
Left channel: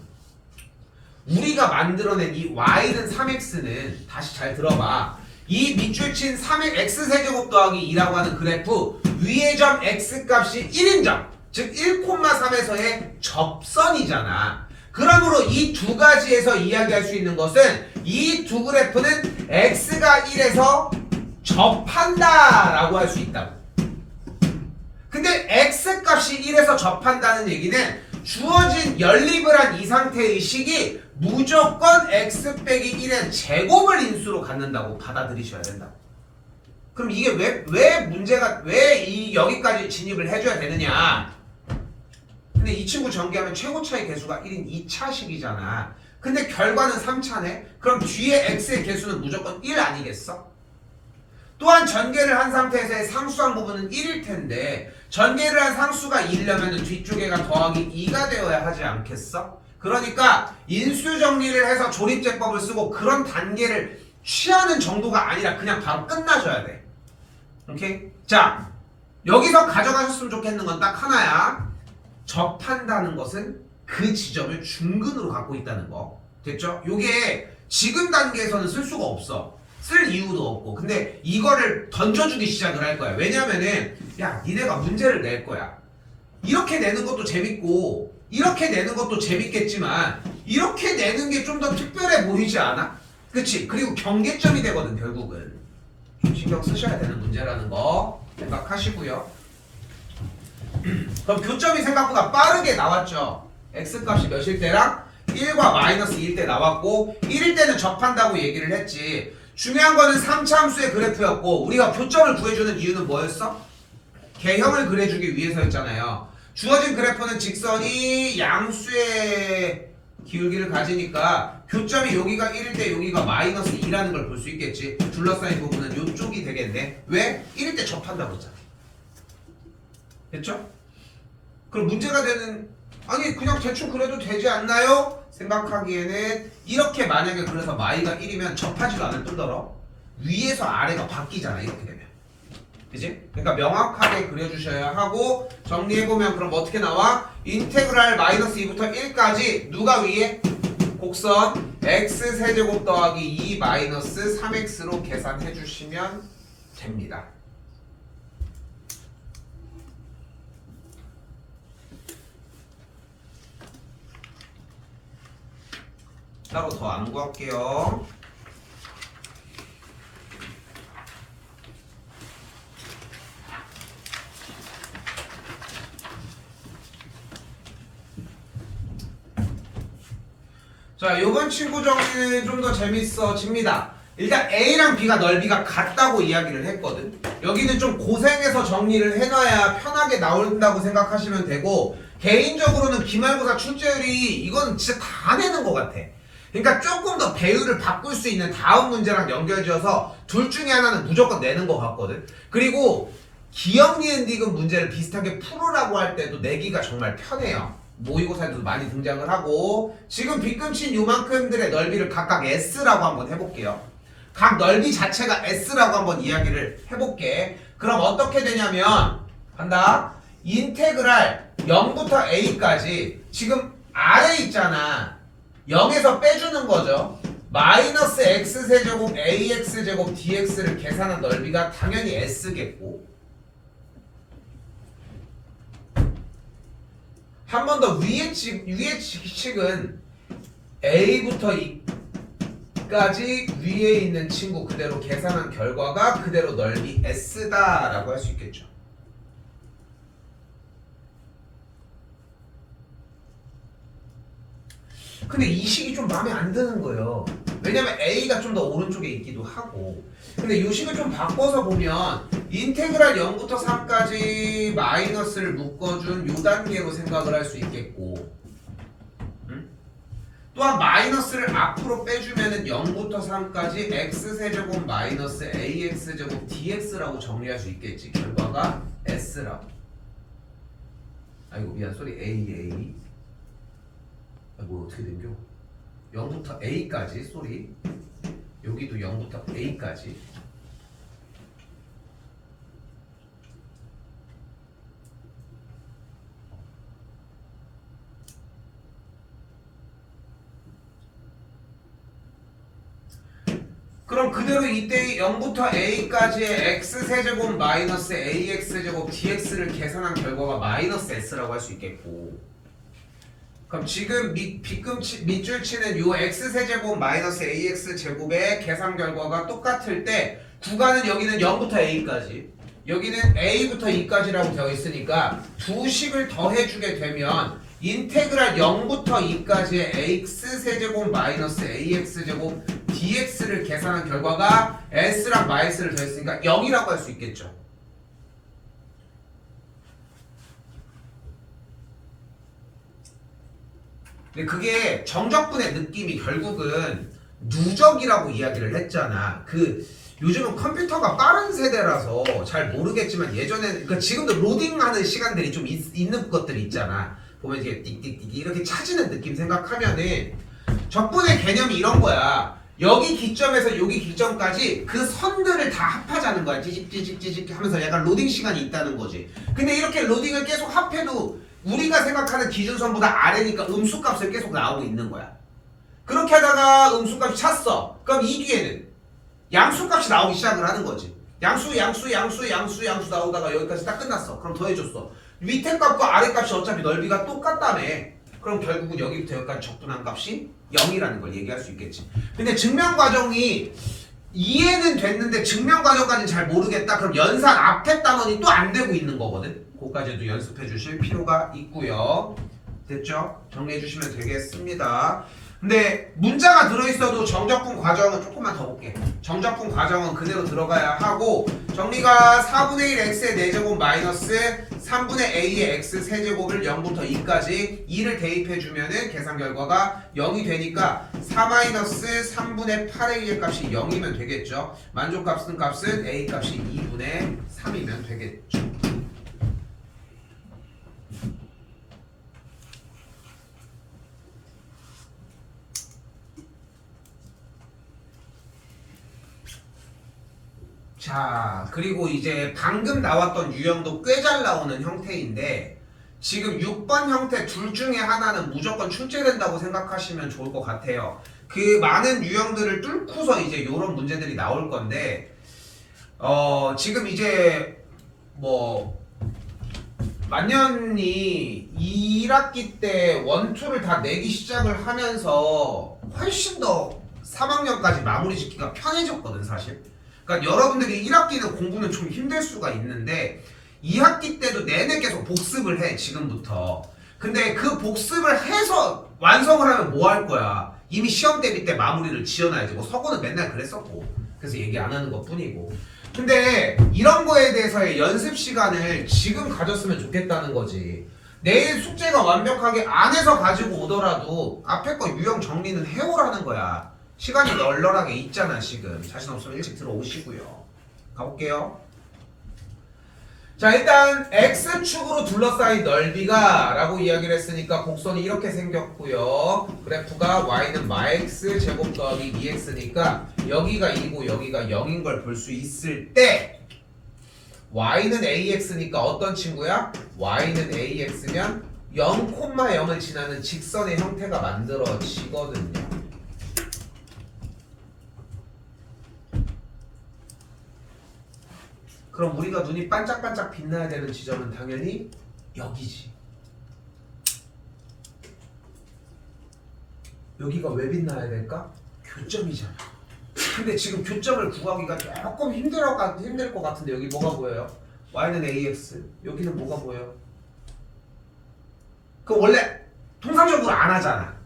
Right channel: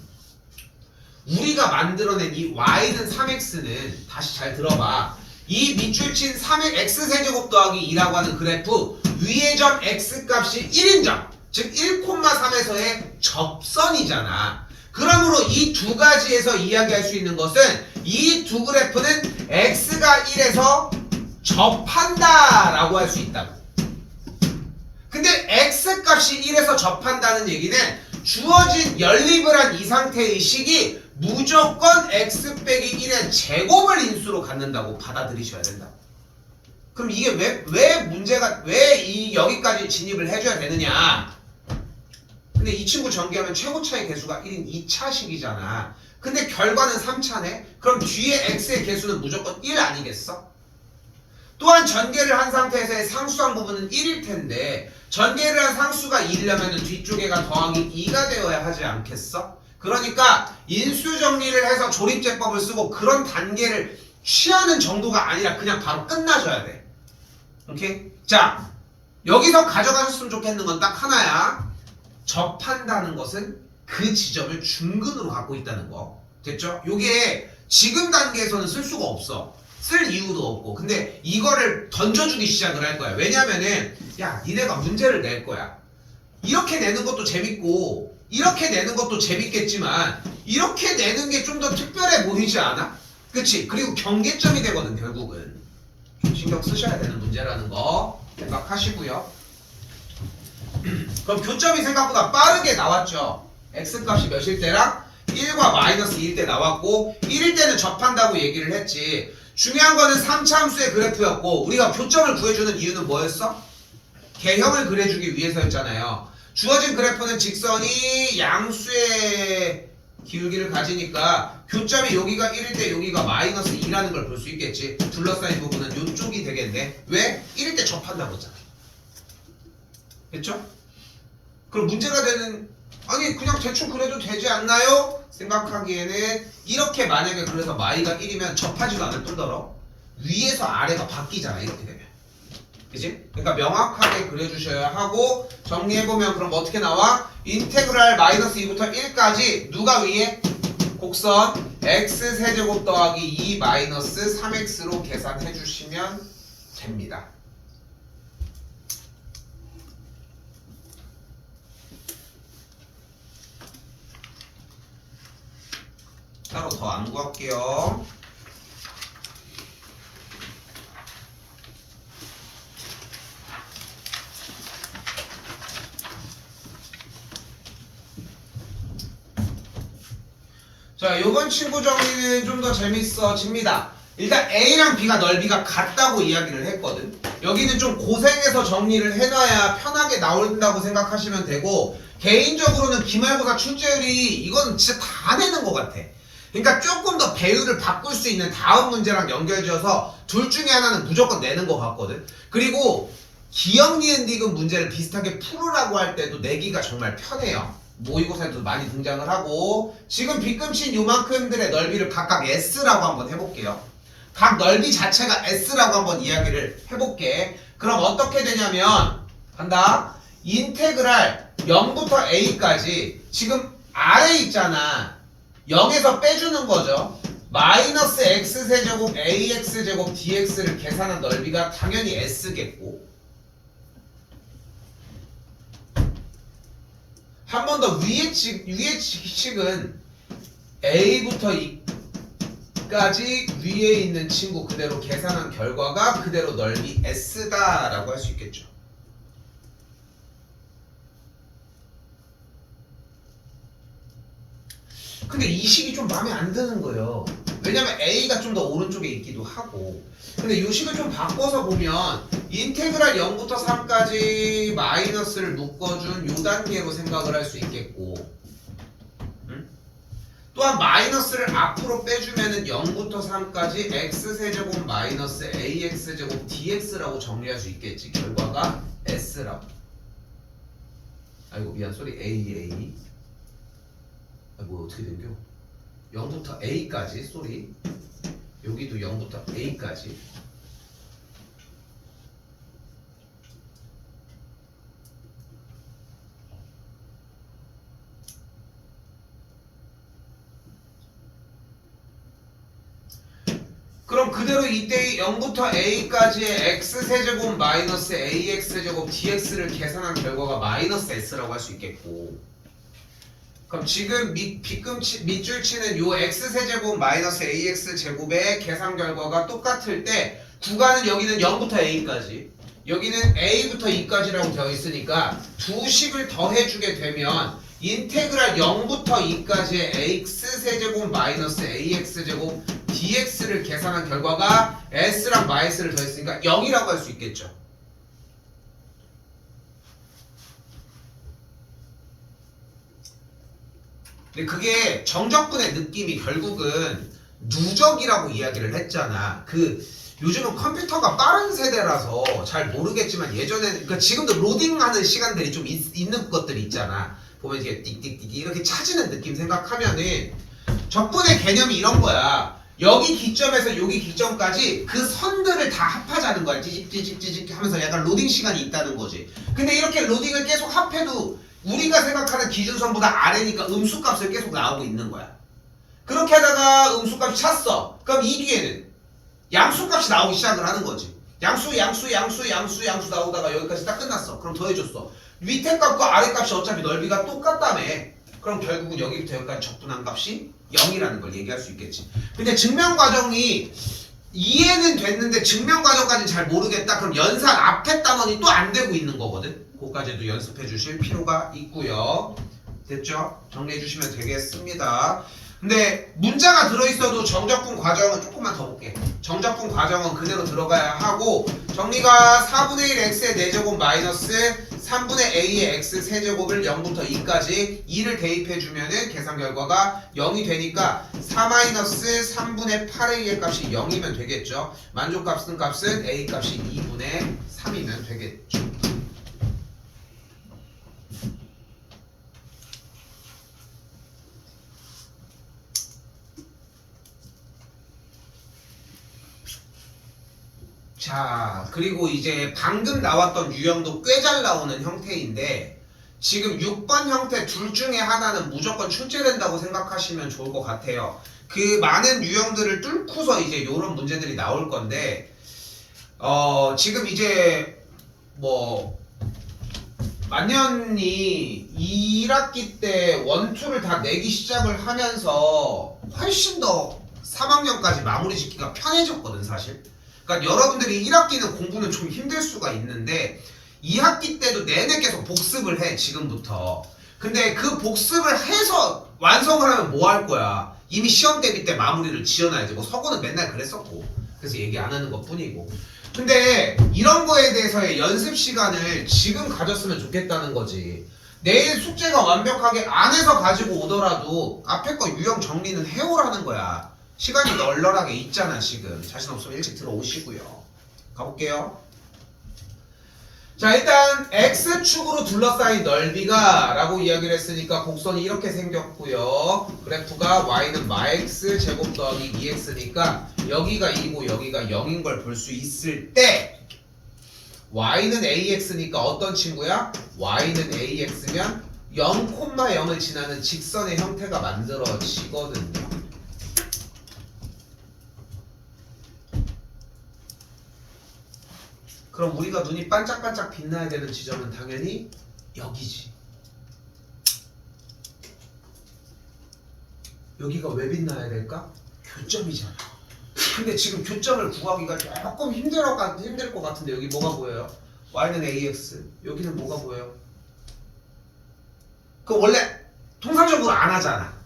우리가 만들어낸 이 y는 3x는 다시 잘 들어봐. 이 밑줄 친 3의 x세제곱 더하기 2라고 하는 그래프 위의 점 x값이 1인 점, 즉 1,3에서의 접선이잖아. 그러므로 이 두 가지에서 이야기할 수 있는 것은 이 두 그래프는 x가 1에서 접한다 라고 할 수 있다고. 근데 x값이 1에서 접한다는 얘기는 주어진 연립을 한 이 상태의 식이 무조건 x 빼기 1의 제곱을 인수로 갖는다고 받아들이셔야 된다. 그럼 이게 왜 문제가 왜 여기까지 진입을 해줘야 되느냐? 근데 이 친구 전개하면 최고 차의 개수가 1인 2차식이잖아. 근데 결과는 3차네? 그럼 뒤에 x의 개수는 무조건 1 아니겠어? 또한 전개를 한 상태에서의 상수항 부분은 1일 텐데 전개를 한 상수가 2려면 뒤쪽에가 더하기 2가 되어야 하지 않겠어? 그러니까 인수 정리를 해서 조립제법을 쓰고 그런 단계를 취하는 정도가 아니라 그냥 바로 끝나셔야 돼. 오케이? 자, 여기서 가져가셨으면 좋겠는 건 딱 하나야. 접한다는 것은 그 지점을 중근으로 갖고 있다는 거. 됐죠? 요게 지금 단계에서는 쓸 수가 없어. 쓸 이유도 없고. 근데 이거를 던져주기 시작을 할 거야. 왜냐면은 야, 니네가 문제를 낼 거야. 이렇게 내는 것도 재밌고 이렇게 내는 것도 재밌겠지만 이렇게 내는 게 좀 더 특별해 보이지 않아? 그치? 그리고 경계점이 되거든 결국은. 좀 신경 쓰셔야 되는 문제라는 거 생각하시고요. 그럼 교점이 생각보다 빠르게 나왔죠. x값이 몇일 때랑 1과 마이너스 2일 때 나왔고 1일 때는 접한다고 얘기를 했지. 중요한 거는 3차함수의 그래프였고 우리가 교점을 구해주는 이유는 뭐였어? 개형을 그려주기 위해서였잖아요. 주어진 그래프는 직선이 양수의 기울기를 가지니까 교점이 여기가 1일 때 여기가 마이너스 2라는 걸 볼 수 있겠지. 둘러싸인 부분은 이쪽이 되겠네. 왜? 1일 때 접한다고 했잖아. 됐죠? 그럼 문제가 되는 아니 그냥 대충 그래도 되지 않나요? 생각하기에는 이렇게 만약에 그래서 마이가 1이면 접하지도 않을 뿐더러 위에서 아래가 바뀌잖아 이렇게 되면. 그치? 그러니까 명확하게 그려주셔야 하고 정리해보면 그럼 어떻게 나와? 인테그랄 마이너스 2부터 1까지 누가 위에? 곡선 x세제곱 더하기 2 마이너스 3x로 계산해 주시면 됩니다. 따로 더 안 구할게요. 자, 요번 친구 정리는 좀 더 재밌어집니다. 일단 A랑 B가 넓이가 같다고 이야기를 했거든. 여기는 좀 고생해서 정리를 해놔야 편하게 나온다고 생각하시면 되고 개인적으로는 기말고사 출제율이 이건 진짜 다 내는 것 같아. 그러니까 조금 더 배율을 바꿀 수 있는 다음 문제랑 연결지어서 둘 중에 하나는 무조건 내는 것 같거든. 그리고 기억, 니은, 디귿 문제를 비슷하게 풀으라고 할 때도 내기가 정말 편해요. 모의고사에도 많이 등장을 하고 지금 빗금친 요만큼들의 넓이를 각각 S라고 한번 해볼게요. 각 넓이 자체가 S라고 한번 이야기를 해볼게. 그럼 어떻게 되냐면 한다. 인테그랄 0부터 A까지 지금 아래 있잖아. 0에서 빼주는 거죠. 마이너스 x세제곱 ax제곱 dx를 계산한 넓이가 당연히 S겠고 한 번 더 위의 식은 A부터 E까지 위에 있는 친구 그대로 계산한 결과가 그대로 넓이 S다라고 할 수 있겠죠. 근데 이 식이 좀 마음에 안 드는 거예요. 왜냐면 a가 좀 더 오른쪽에 있기도 하고. 근데 이 식을 좀 바꿔서 보면 인테그랄 0부터 3까지 마이너스를 묶어준 요 단계로 생각을 할 수 있겠고, 또한 마이너스를 앞으로 빼주면은 0부터 3까지 x세제곱 마이너스 ax제곱 dx라고 정리할 수 있겠지. 결과가 s라고. 아이고 미안, 쏘리. a. 아 뭐 어떻게 된겨? 0부터 a까지, 쏘리. 여기도 0부터 a까지. 그럼 그대로 이때 0부터 a까지의 x세제곱 마이너스 ax제곱 dx를 계산한 결과가 마이너스 s라고 할 수 있겠고, 그럼 지금 밑줄 치는 요 x세제곱 마이너스 ax제곱의 계산 결과가 똑같을 때 구간은 여기는 0부터 a까지, 여기는 a부터 2까지라고 되어 있으니까 두 식을 더해주게 되면 인테그랄 0부터 2까지의 x세제곱 마이너스 ax제곱 dx를 계산한 결과가 s랑 마이너스를 더했으니까 0이라고 할 수 있겠죠. 근데 그게 정적분의 느낌이 결국은 누적이라고 이야기를 했잖아. 요즘은 컴퓨터가 빠른 세대라서 잘 모르겠지만 예전에는, 그러니까 지금도 로딩하는 시간들이 좀 있는 것들이 있잖아. 보면 이렇게 띡띡띡 이렇게 차지는 느낌 생각하면은 적분의 개념이 이런 거야. 여기 기점에서 여기 기점까지 그 선들을 다 합하자는 거야. 찌직찌직찌직 하면서 약간 로딩 시간이 있다는 거지. 근데 이렇게 로딩을 계속 합해도 우리가 생각하는 기준선보다 아래니까 음수값을 계속 나오고 있는 거야. 그렇게 하다가 음수값이 찼어. 그럼 이 뒤에는 양수값이 나오기 시작을 하는 거지. 양수 나오다가 여기까지 딱 끝났어. 그럼 더해줬어. 밑에 값과 아래 값이 어차피 넓이가 똑같다며. 그럼 결국은 여기부터 여기까지 적분한 값이 0이라는 걸 얘기할 수 있겠지. 근데 증명 과정이 이해는 됐는데 증명 과정까지는 잘 모르겠다. 그럼 연산 앞에 단원이 또 안 되고 있는 거거든. 그거까지도 연습해 주실 필요가 있고요. 됐죠? 정리해 주시면 되겠습니다. 근데 문자가 들어있어도 정적분 과정은 조금만 더 볼게. 정적분 과정은 그대로 들어가야 하고, 정리가 4분의 1 x의 4제곱 마이너스 3분의 a의 x 세제곱을 0부터 2까지 2를 대입해주면은 계산 결과가 0이 되니까 4 마이너스 3분의 8a의 값이 0이면 되겠죠. 만족값은 a 값이 2분의 3이면 되겠죠. 자, 그리고 이제 방금 나왔던 유형도 꽤 잘 나오는 형태인데, 지금 6번 형태 둘 중에 하나는 무조건 출제된다고 생각하시면 좋을 것 같아요. 그 많은 유형들을 뚫고서 이제 이런 문제들이 나올 건데, 지금 이제 뭐 만년이 1학기 때 원투를 다 내기 시작을 하면서 훨씬 더 3학년까지 마무리 짓기가 편해졌거든, 사실. 그러니까 여러분들이 1학기는 공부는 좀 힘들 수가 있는데 2학기 때도 내내 계속 복습을 해, 지금부터. 근데 그 복습을 해서 완성을 하면 뭐 할 거야? 이미 시험 대비 때 마무리를 지어놔야지. 뭐 서고는 맨날 그랬었고, 그래서 얘기 안 하는 것 뿐이고. 근데 이런 거에 대해서의 연습 시간을 지금 가졌으면 좋겠다는 거지. 내일 숙제가 완벽하게 안 해서 가지고 오더라도 앞에 거 유형 정리는 해오라는 거야. 시간이 널널하게 있잖아. 지금 자신 없으면 일찍 들어오시고요. 가볼게요. 자, 일단 X축으로 둘러싸인 넓이가 라고 이야기를 했으니까 곡선이 이렇게 생겼고요. 그래프가 Y는 마x 제곱 더하기 2x니까 여기가 2고 여기가 0인 걸 볼 수 있을 때 Y는 AX니까 어떤 친구야? Y는 AX면 0,0을 지나는 직선의 형태가 만들어지거든요. 그럼 우리가 눈이 반짝반짝 빛나야 되는 지점은 당연히 여기지. 여기가 왜 빛나야 될까? 교점이잖아. 근데 지금 교점을 구하기가 조금 힘들 것 같은데 여기 뭐가 보여요? Y는 AX, 여기는 뭐가 보여요? 그 원래 통상적으로 안 하잖아.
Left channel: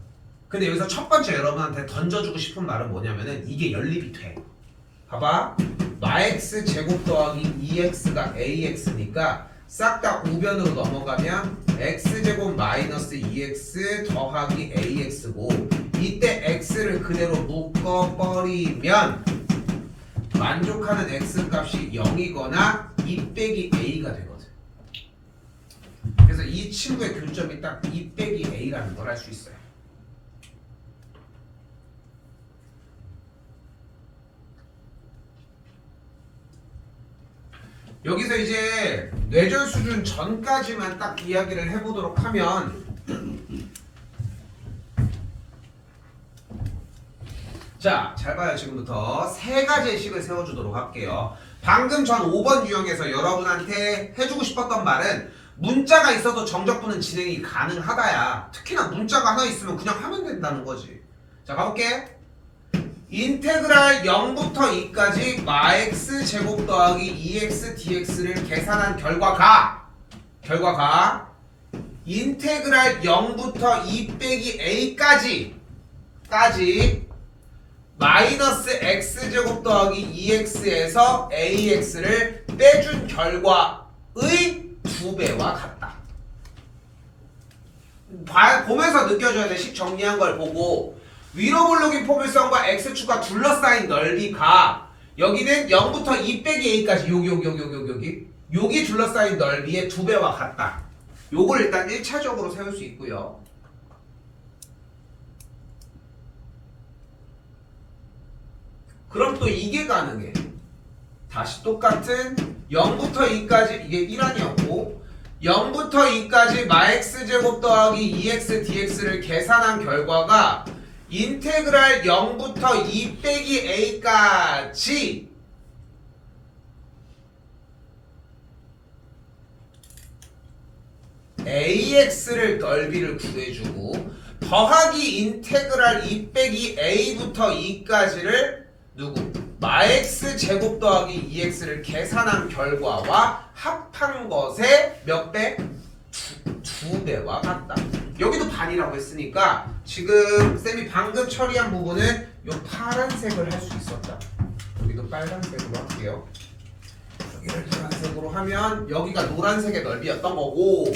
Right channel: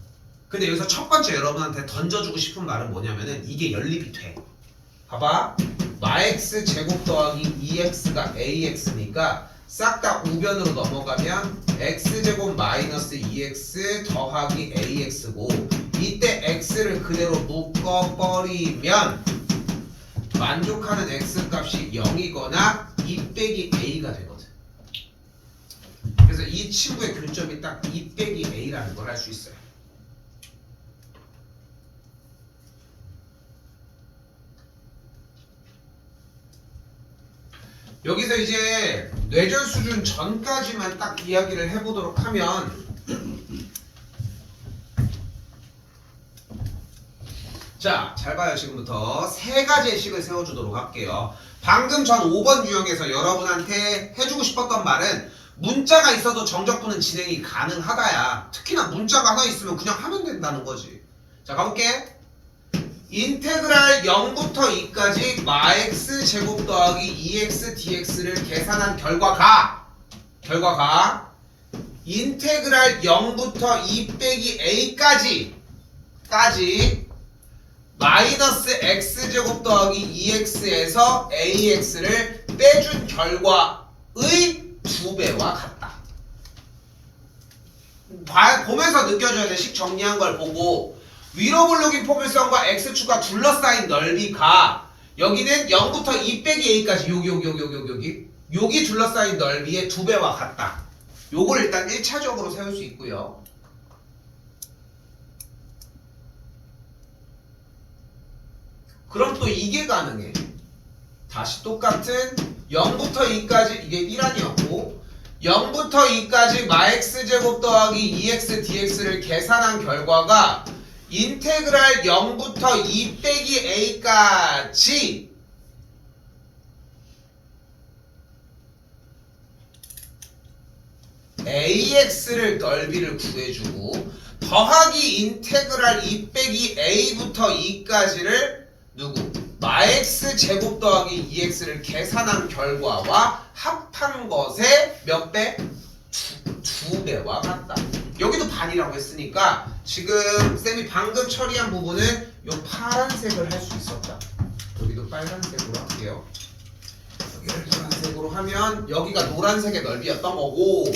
근데 여기서 첫 번째 여러분한테 던져주고 싶은 말은 뭐냐면은 이게 연립이 돼. 봐봐. 마x 제곱 더하기 2x가 ax니까 싹 다 우변으로 넘어가면 x제곱 마이너스 2x 더하기 ax고 이때 x를 그대로 묶어버리면 만족하는 x 값이 0이거나 2 빼기 a가 되거든. 그래서 이 친구의 교점이 딱 2 빼기 a라는 걸 할 수 있어요. 여기서 이제 뇌절 수준 전까지만 딱 이야기를 해보도록 하면 자, 잘 봐요. 지금부터 세 가지의 식을 세워주도록 할게요. 방금 전 5번 유형에서 여러분한테 해주고 싶었던 말은 문자가 있어도 정적분은 진행이 가능하다야. 특히나 문자가 하나 있으면 그냥 하면 된다는 거지. 자, 가볼게. 인테그랄 0부터 2까지 마x 제곱 더하기 2x dx를 계산한 결과가 인테그랄 0부터 2 빼기 a까지 마이너스 x제곱 더하기 2x에서 ax를 빼준 결과의 2배와 같다. 보면서 느껴줘야 돼. 식 정리한 걸 보고 위로 블록인 포물선과 x축과 둘러싸인 넓이가 여기는 0부터 2 빼기 a까지 여기 둘러싸인 넓이의 2배와 같다. 요걸 일단 1차적으로 세울 수 있고요. 그럼 또 이게 가능해. 다시 똑같은 0부터 2까지 이게 1아니었고 0부터 2까지 마x제곱 더하기 2x dx를 계산한 결과가 인테그랄 0부터 2 빼기 a까지 ax를 넓이를 구해주고 더하기 인테그랄 2 빼기 a부터 2까지를 누구? 마x 제곱 더하기 2x를 계산한 결과와 합한 것의 몇 배? 2배와 같다. 여기도 반이라고 했으니까 지금 쌤이 방금 처리한 부분은 요 파란색을 할 수 있었다. 여기도 빨간색으로 할게요. 여기를 노란색으로 하면 여기가 노란색의 넓이였던 거고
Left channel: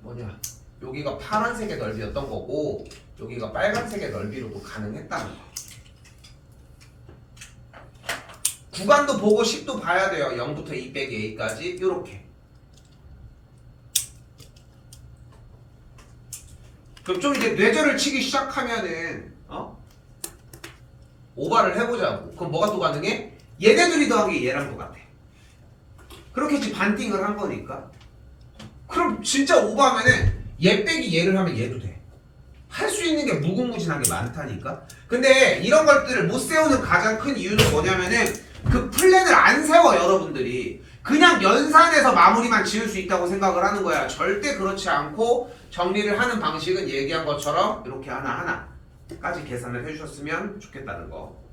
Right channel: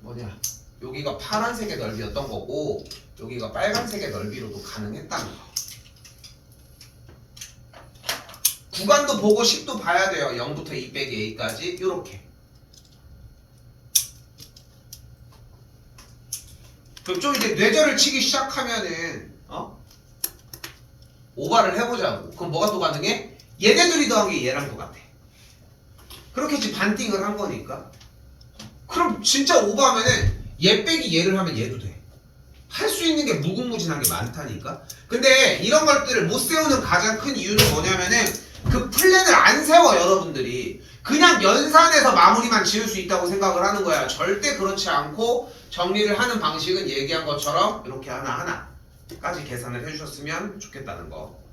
뭐냐? 여기가 파란색의 넓이였던 거고 여기가 빨간색의 넓이로도 가능했다는 거. 구간도 보고 식도 봐야 돼요. 0부터 2 빼기 a까지 이렇게. 그럼 좀 이제 뇌절을 치기 시작하면은 오바를 해보자고. 그럼 뭐가 또 가능해? 얘네들이 더한 게 얘랑 똑같아. 그렇게 이제 반띵을 한 거니까. 그럼 진짜 오바하면은 얘 빼기 얘를 하면 얘도 돼. 할 수 있는 게 무궁무진한 게 많다니까. 근데 이런 것들을 못 세우는 가장 큰 이유는 뭐냐면은 그 플랜을 안 세워 여러분들이. 그냥 연산해서 마무리만 지을 수 있다고 생각을 하는 거야. 절대 그렇지 않고 정리를 하는 방식은 얘기한 것처럼 이렇게 하나하나까지 계산을 해주셨으면 좋겠다는 거.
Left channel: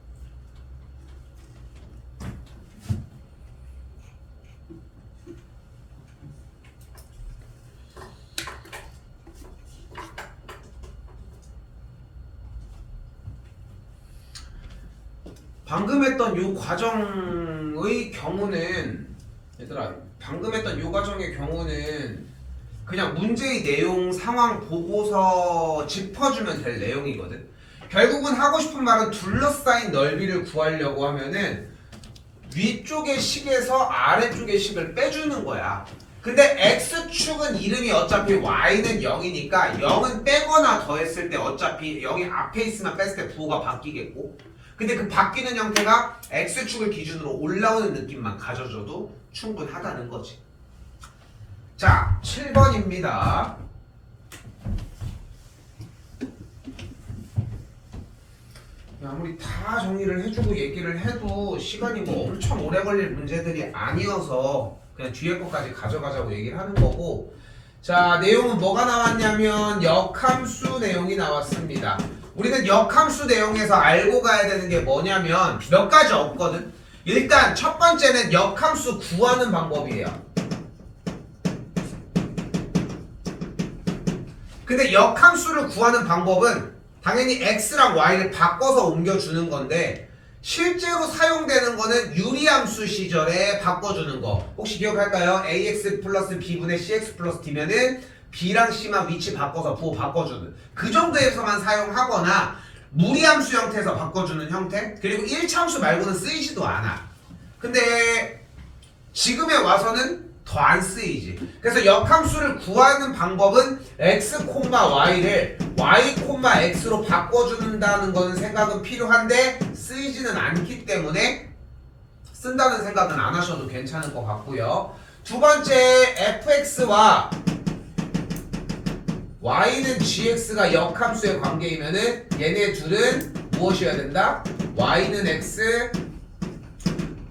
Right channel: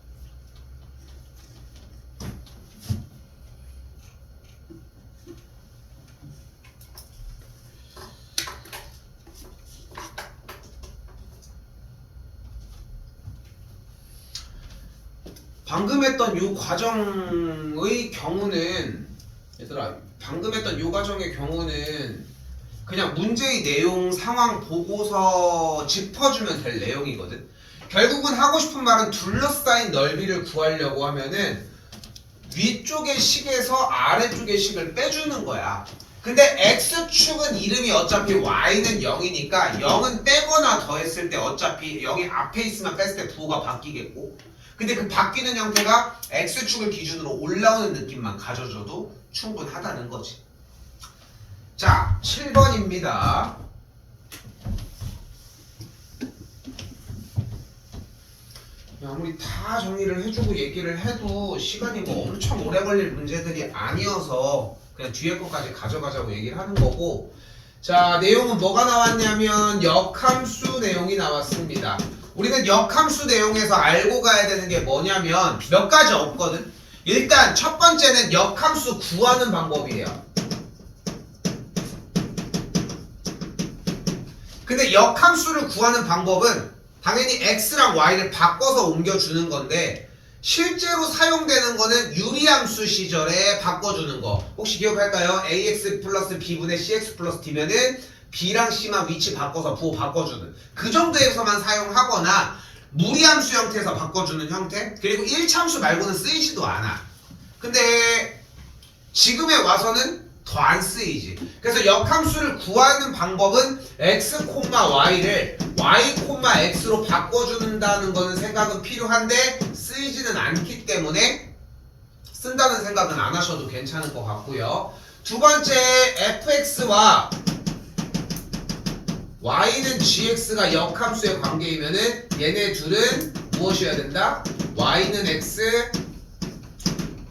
방금 했던 요 과정의 경우는 얘들아 방금 했던 요 과정의 경우는 그냥 문제의 내용 상황 보고서 짚어주면 될 내용이거든. 결국은 하고 싶은 말은 둘러싸인 넓이를 구하려고 하면은 위쪽의 식에서 아래쪽의 식을 빼주는 거야. 근데 x축은 이름이 어차피 y는 0이니까 0은 빼거나 더했을 때 어차피 0이 앞에 있으면 뺐을 때 부호가 바뀌겠고 근데 그 바뀌는 형태가 x축을 기준으로 올라오는 느낌만 가져줘도 충분하다는 거지. 자, 7번입니다. 아무리 다 정리를 해주고 얘기를 해도 시간이 뭐 엄청 오래 걸릴 문제들이 아니어서 그냥 뒤에 것까지 가져가자고 얘기를 하는 거고. 자, 내용은 뭐가 나왔냐면 역함수 내용이 나왔습니다. 우리는 역함수 내용에서 알고 가야 되는 게 뭐냐면 몇 가지 없거든. 일단 첫 번째는 역함수 구하는 방법이에요. 근데 역함수를 구하는 방법은 당연히 x랑 y를 바꿔서 옮겨주는 건데 실제로 사용되는 거는 유리함수 시절에 바꿔주는 거. 혹시 기억할까요? ax 플러스 b분의 cx 플러스 d면은 b랑 c만 위치 바꿔서 부호 바꿔주는 그 정도에서만 사용하거나 무리함수 형태에서 바꿔주는 형태. 그리고 1차함수 말고는 쓰이지도 않아. 근데 지금에 와서는 더 안 쓰이지. 그래서 역함수를 구하는 방법은 x, y를 y, x로 바꿔준다는 거는 생각은 필요한데 쓰이지는 않기 때문에 쓴다는 생각은 안 하셔도 괜찮을 것 같고요. 두 번째, fx와 y는 gx가 역함수의 관계이면은 얘네 둘은 무엇이어야 된다? y는 x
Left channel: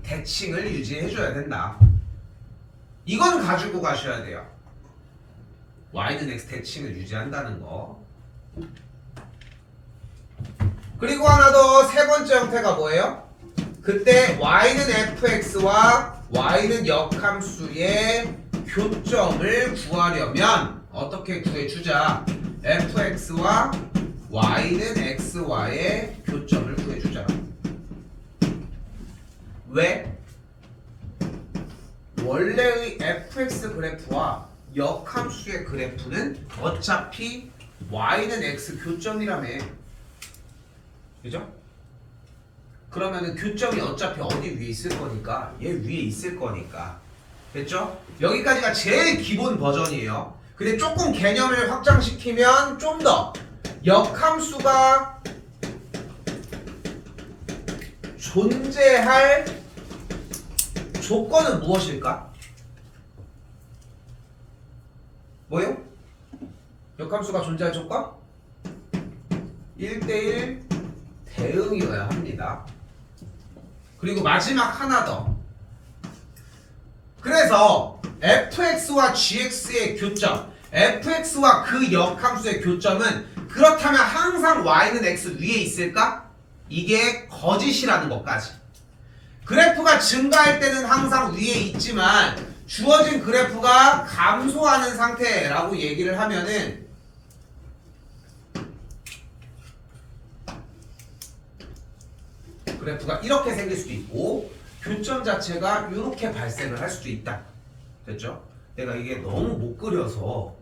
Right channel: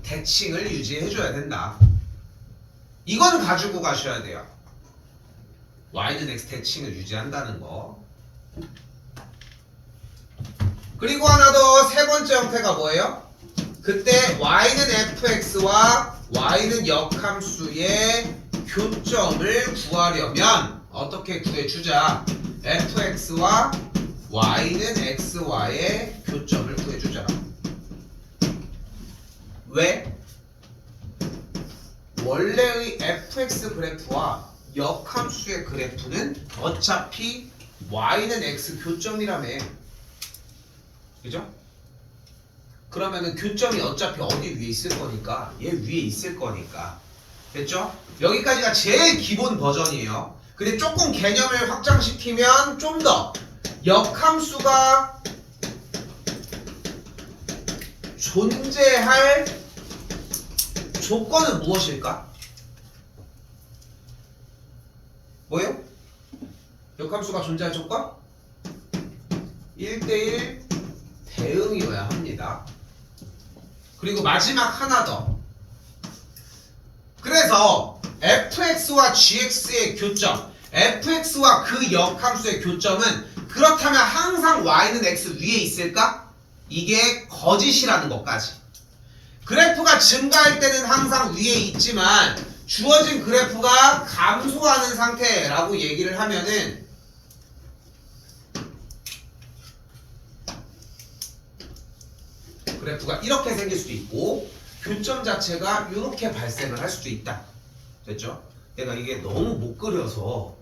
대칭을 유지해줘야 된다. 이건 가지고 가셔야 돼요. y는 x 대칭을 유지한다는 거. 그리고 하나 더 세 번째 형태가 뭐예요? 그때 y는 fx와 y는 역함수의 교점을 구하려면 어떻게 구해주자? fx와 y는 xy의 교점을 구해주자. 왜? 원래의 fx 그래프와 역함수의 그래프는 어차피 y는 x 교점이라며. 그죠? 그러면은 교점이 어차피 어디 위에 있을 거니까 얘 위에 있을 거니까. 됐죠? 여기까지가 제일 기본 버전이에요. 근데 조금 개념을 확장시키면 좀 더 역함수가 존재할 조건은 무엇일까? 뭐요? 역함수가 존재할 조건? 1대1 대응이어야 합니다. 그리고 마지막 하나 더. 그래서 fx와 gx의 교점, fx와 그 역함수의 교점은 그렇다면 항상 y는 x 위에 있을까? 이게 거짓이라는 것까지. 그래프가 증가할 때는 항상 위에 있지만 주어진 그래프가 감소하는 상태라고 얘기를 하면은 그래프가 이렇게 생길 수도 있고 교점 자체가 이렇게 발생을 할 수도 있다. 됐죠? 내가 이게 너무 못 그려서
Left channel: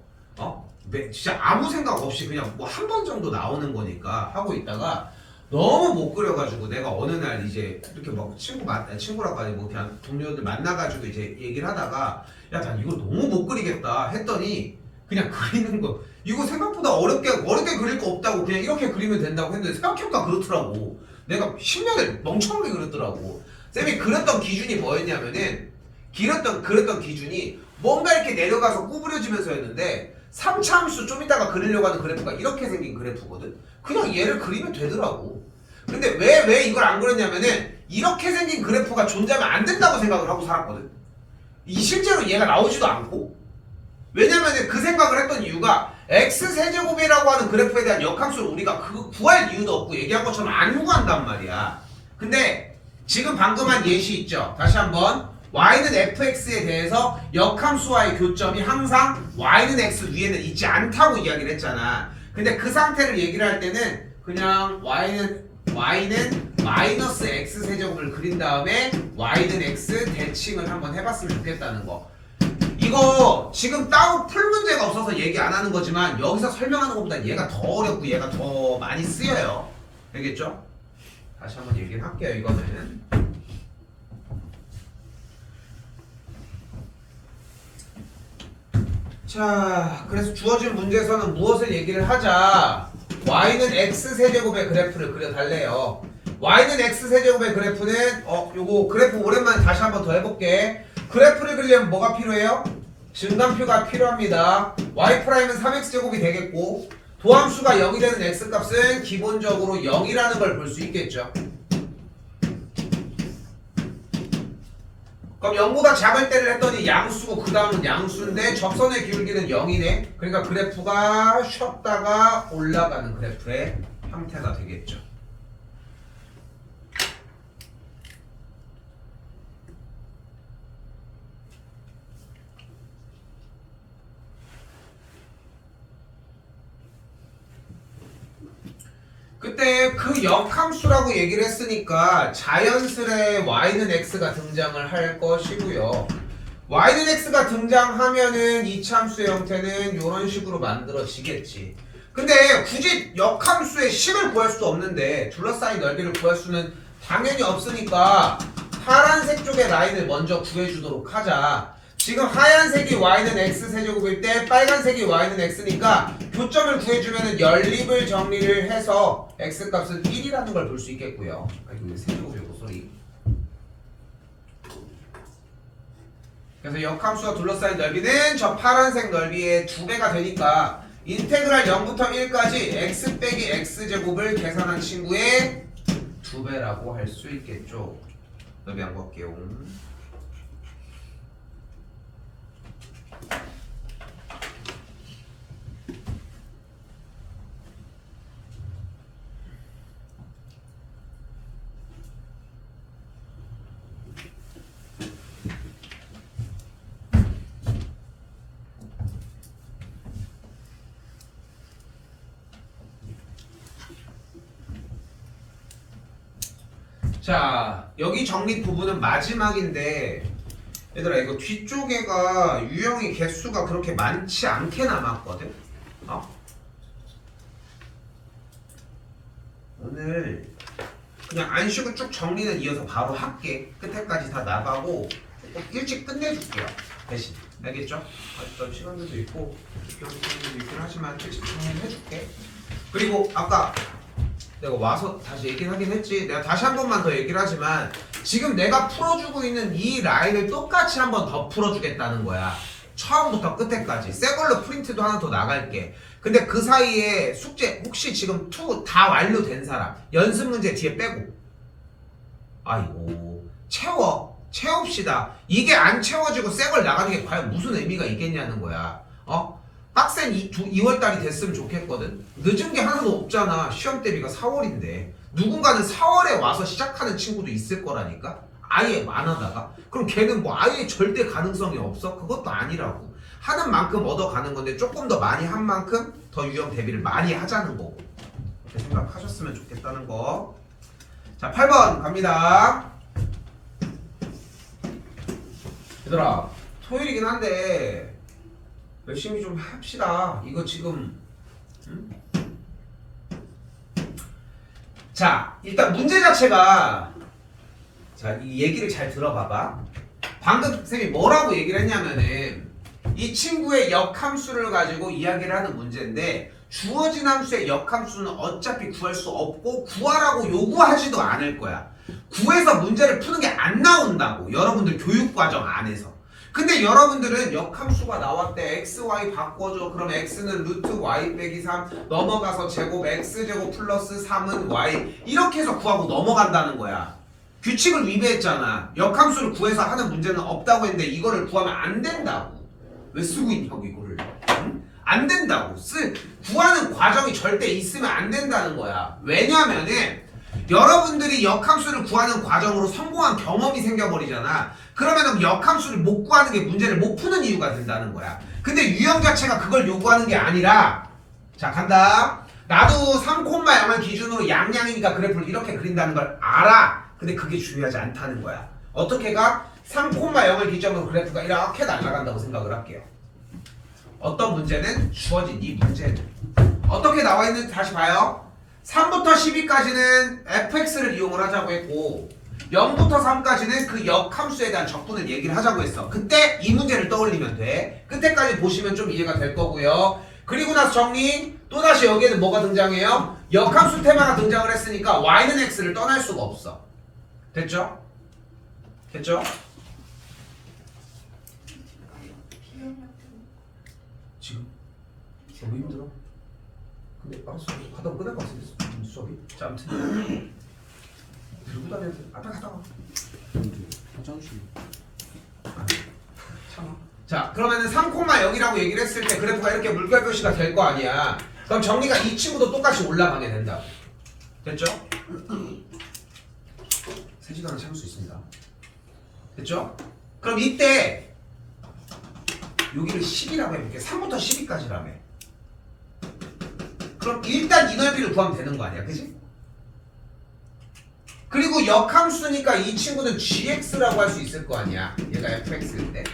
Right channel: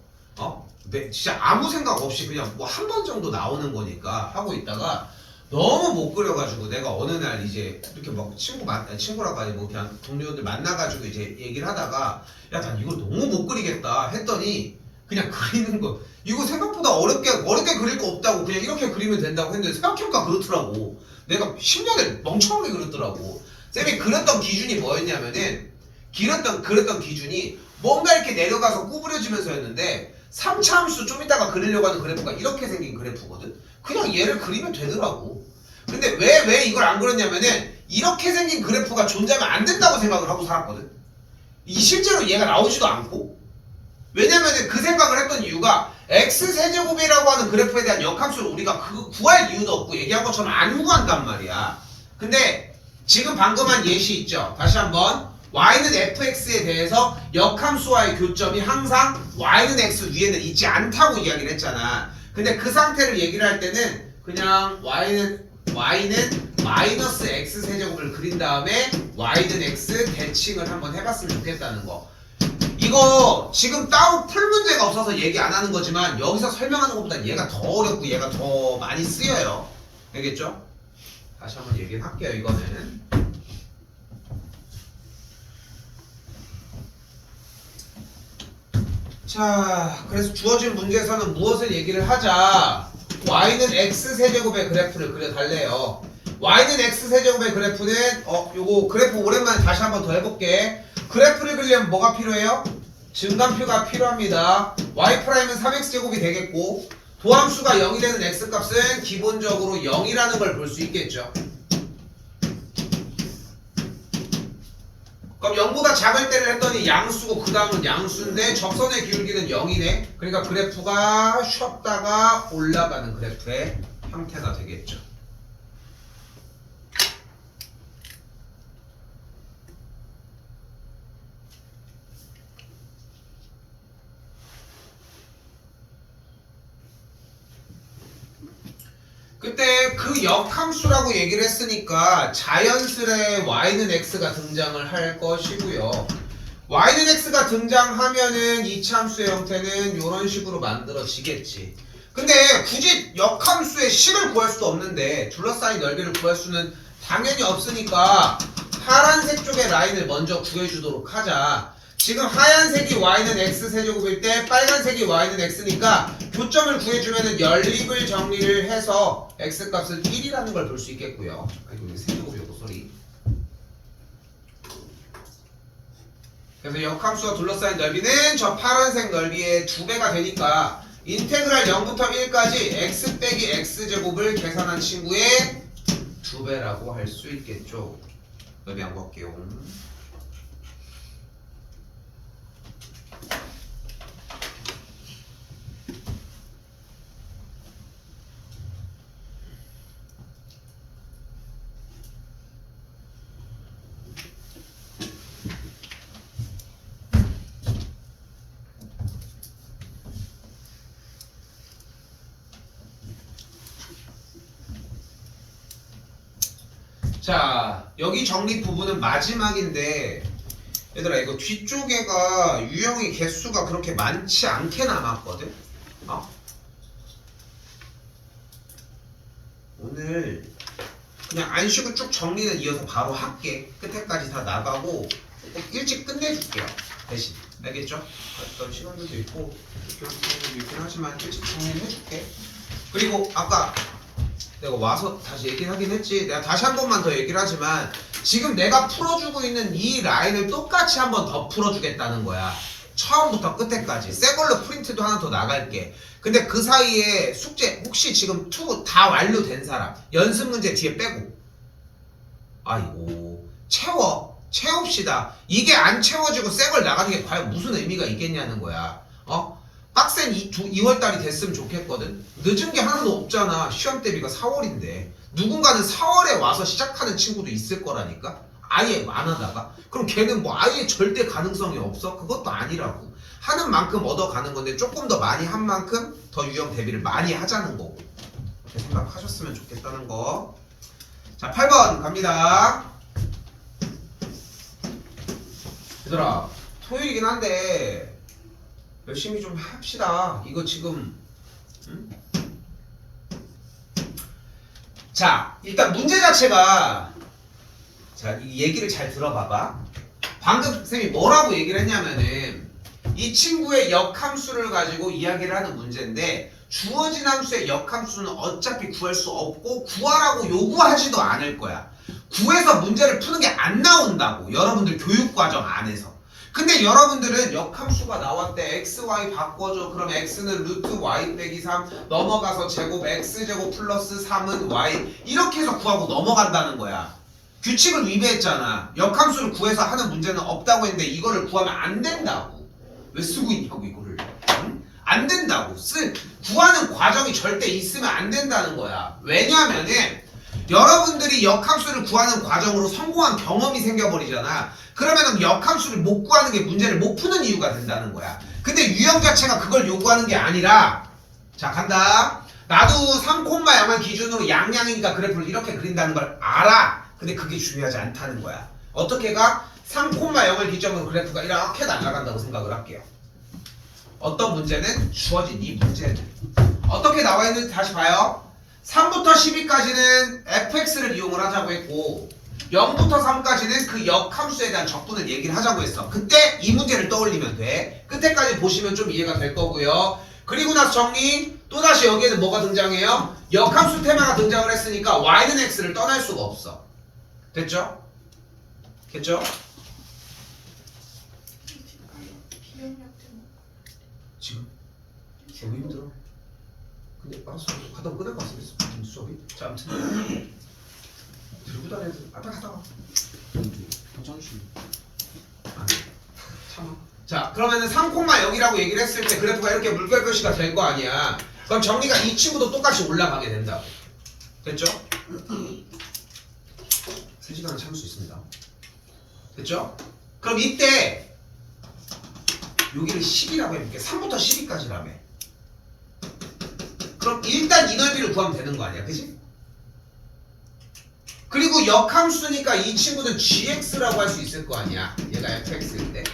진짜 아무 생각 없이 그냥 뭐 한 번 정도 나오는 거니까 하고 있다가 너무 못 그려가지고 내가 어느 날 이제 이렇게 막 친구라고 하지 뭐 그냥 동료들 만나가지고 이제 얘기를 하다가 야 난 이거 너무 못 그리겠다 했더니 그냥 그리는 거 이거 생각보다 어렵게 그릴 거 없다고 그냥 이렇게 그리면 된다고 했는데 생각해보니까 그렇더라고. 내가 10년을 멍청하게 그렸더라고. 쌤이 그렸던 기준이 뭐였냐면은 그렸던 기준이 뭔가 이렇게 내려가서 구부려지면서였는데 3차 함수 좀 이따가 그리려고 하는 그래프가 이렇게 생긴 그래프거든. 그냥 얘를 그리면 되더라고. 근데 왜 이걸 안 그렸냐면은 이렇게 생긴 그래프가 존재하면 안 된다고 생각을 하고 살았거든. 실제로 얘가 나오지도 않고. 왜냐면은 그 생각을 했던 이유가 x세제곱이라고 하는 그래프에 대한 역함수를 우리가 구할 이유도 없고 얘기한 것처럼 안 구한단 말이야. 근데 지금 방금 한 예시 있죠? 다시 한번 y는 fx에 대해서 역함수와의 교점이 항상 y는 x 위에는 있지 않다고 이야기를 했잖아. 근데 그 상태를 얘기를 할 때는 그냥 y는 마이너스 x세제곱을 그린 다음에 y는 x 대칭을 한번 해봤으면 좋겠다는 거. 이거 지금 따로 풀 문제가 없어서 얘기 안 하는 거지만 여기서 설명하는 것보다 얘가 더 어렵고 얘가 더 많이 쓰여요. 알겠죠? 다시 한번 얘기를 할게요. 이거는 자, 그래서 주어진 문제에서는 무엇을 얘기를 하자? y는 x세제곱의 그래프를 그려달래요. y는 x세제곱의 그래프는 요거 그래프 오랜만에 다시 한번 더 해볼게. 그래프를 그리려면 뭐가 필요해요? 증간표가 필요합니다. y 프라임은 3x제곱이 되겠고 도함수가 0이 되는 x값은 기본적으로 0이라는 걸 볼 수 있겠죠. 그럼 0보다 작을 때를 했더니 양수고 그 다음은 양수인데 접선의 기울기는 0이네. 그러니까 그래프가 쉬었다가 올라가는 그래프의 형태가 되겠죠. 그때 그 역함수라고 얘기를 했으니까 자연스레 y는 x가 등장을 할 것이고요. y는 x가 등장하면은 이차함수의 형태는 이런 식으로 만들어지겠지. 근데 굳이 역함수의 식을 구할 수도 없는데 둘러싸인 넓이를 구할 수는 당연히 없으니까 파란색 쪽의 라인을 먼저 구해주도록 하자. 지금 하얀색이 y는 x 세제곱일 때 빨간색이 y는 x니까 교점을 구해주면은 연립을 정리를 해서 x 값은 1이라는 걸 볼 수 있겠고요. 이거 세제곱이고 소리. 그래서 역함수와 둘러싸인 넓이는 저 파란색 넓이의 2배가 되니까 인테그랄 0부터 1까지 x 빼기 x제곱을 계산한 친구의 2배라고 할 수 있겠죠. 넓이 안 구할게요. 자, 여기 정립 부분은 마지막인데 얘들아 이거 뒤쪽에가 유형의 개수가 그렇게 많지 않게 남았거든? 오늘 그냥 안 쉬고 쭉 정리는 이어서 바로 할게. 끝에까지 다 나가고 일찍 끝내줄게요. 대신 알겠죠? 어떤 시간들도 있고 시간들도 있긴 하지만 일찍 정리해줄게. 그리고 아까 내가 와서 다시 얘기를 하긴 했지. 내가 다시 한 번만 더 얘기를 하지만 지금 내가 풀어주고 있는 이 라인을 똑같이 한 번 더 풀어주겠다는 거야. 처음부터 끝에까지. 새 걸로 프린트도 하나 더 나갈게. 근데 그 사이에 숙제 혹시 지금 2 다 완료된 사람 연습 문제 뒤에 빼고 아이고 채웁시다. 이게 안 채워지고 새 걸 나가는 게 과연 무슨 의미가 있겠냐는 거야. 빡센 2월달이 됐으면 좋겠거든. 늦은 게 하나도 없잖아. 시험 대비가 4월인데 누군가는 4월에 와서 시작하는 친구도 있을 거라니까. 아예 안 하다가 그럼 걔는 뭐 아예 절대 가능성이 없어? 그것도 아니라고. 하는 만큼 얻어가는 건데 조금 더 많이 한 만큼 더 유형 대비를 많이 하자는 거고. 그렇게 생각하셨으면 좋겠다는 거. 자 8번 갑니다. 얘들아 토요일이긴 한데 열심히 좀 합시다. 이거 지금 자 일단 문제 자체가 자 이 얘기를 잘 들어봐봐. 방금 쌤이 뭐라고 얘기를 했냐면은 이 친구의 역함수를 가지고 이야기를 하는 문제인데 주어진 함수의 역함수는 어차피 구할 수 없고 구하라고 요구하지도 않을 거야. 구해서 문제를 푸는 게 안 나온다고 여러분들 교육과정 안에서. 근데 여러분들은 역함수가 나왔대. x, y 바꿔줘. 그럼 x는 루트 y 빼기 3 넘어가서 제곱 x제곱 플러스 3은 y 이렇게 해서 구하고 넘어간다는 거야. 규칙을 위배했잖아. 역함수를 구해서 하는 문제는 없다고 했는데 이거를 구하면 안 된다고. 왜 쓰고 있냐고 이거를. 응? 안 된다고. 구하는 과정이 절대 있으면 안 된다는 거야. 왜냐면은 여러분들이 역함수를 구하는 과정으로 성공한 경험이 생겨버리잖아. 그러면 역함수를 못 구하는 게 문제를 못 푸는 이유가 된다는 거야. 근데 유형 자체가 그걸 요구하는 게 아니라 자 간다. 나도 3,0을 기준으로 양양이니까 그래프를 이렇게 그린다는 걸 알아. 근데 그게 중요하지 않다는 거야. 어떻게 가? 3,0을 기점으로 그래프가 이렇게 날아간다고 생각을 할게요. 어떤 문제는 주어진 이 문제는 어떻게 나와 있는지 다시 봐요. 3부터 12까지는 fx를 이용을 하자고 했고 0부터 3까지는 그 역함수에 대한 적분을 얘기를 하자고 했어. 그때 이 문제를 떠올리면 돼. 끝에까지 보시면 좀 이해가 될 거고요. 그리고 나서 정리. 또다시 여기에는 뭐가 등장해요? 역함수 테마가 등장을 했으니까 y는 x를 떠날 수가 없어. 됐죠? 됐죠? 지금? 너무 힘들어. 근데 알았어. 가다 끝날 것 같아. 수업이. 자 아무튼 들고 다녀야 돼. 앞에 갔다 와. 잠시. 참아. 자 그러면은 3,0이라고 얘기를 했을 때 그래프가 이렇게 물결 표시가 될 거 아니야. 그럼 정리가 이 친구도 똑같이 올라가게 된다. 됐죠? 3시간은 참을 수 있습니다. 됐죠? 그럼 이때 여기를 10이라고 해볼게. 3부터 12까지라며. 그럼 일단 이 넓이를 구하면 되는 거 아니야, 그지? 그리고 역함수니까 이 친구는 gx라고 할 수 있을 거 아니야, 얘가 fx일 때.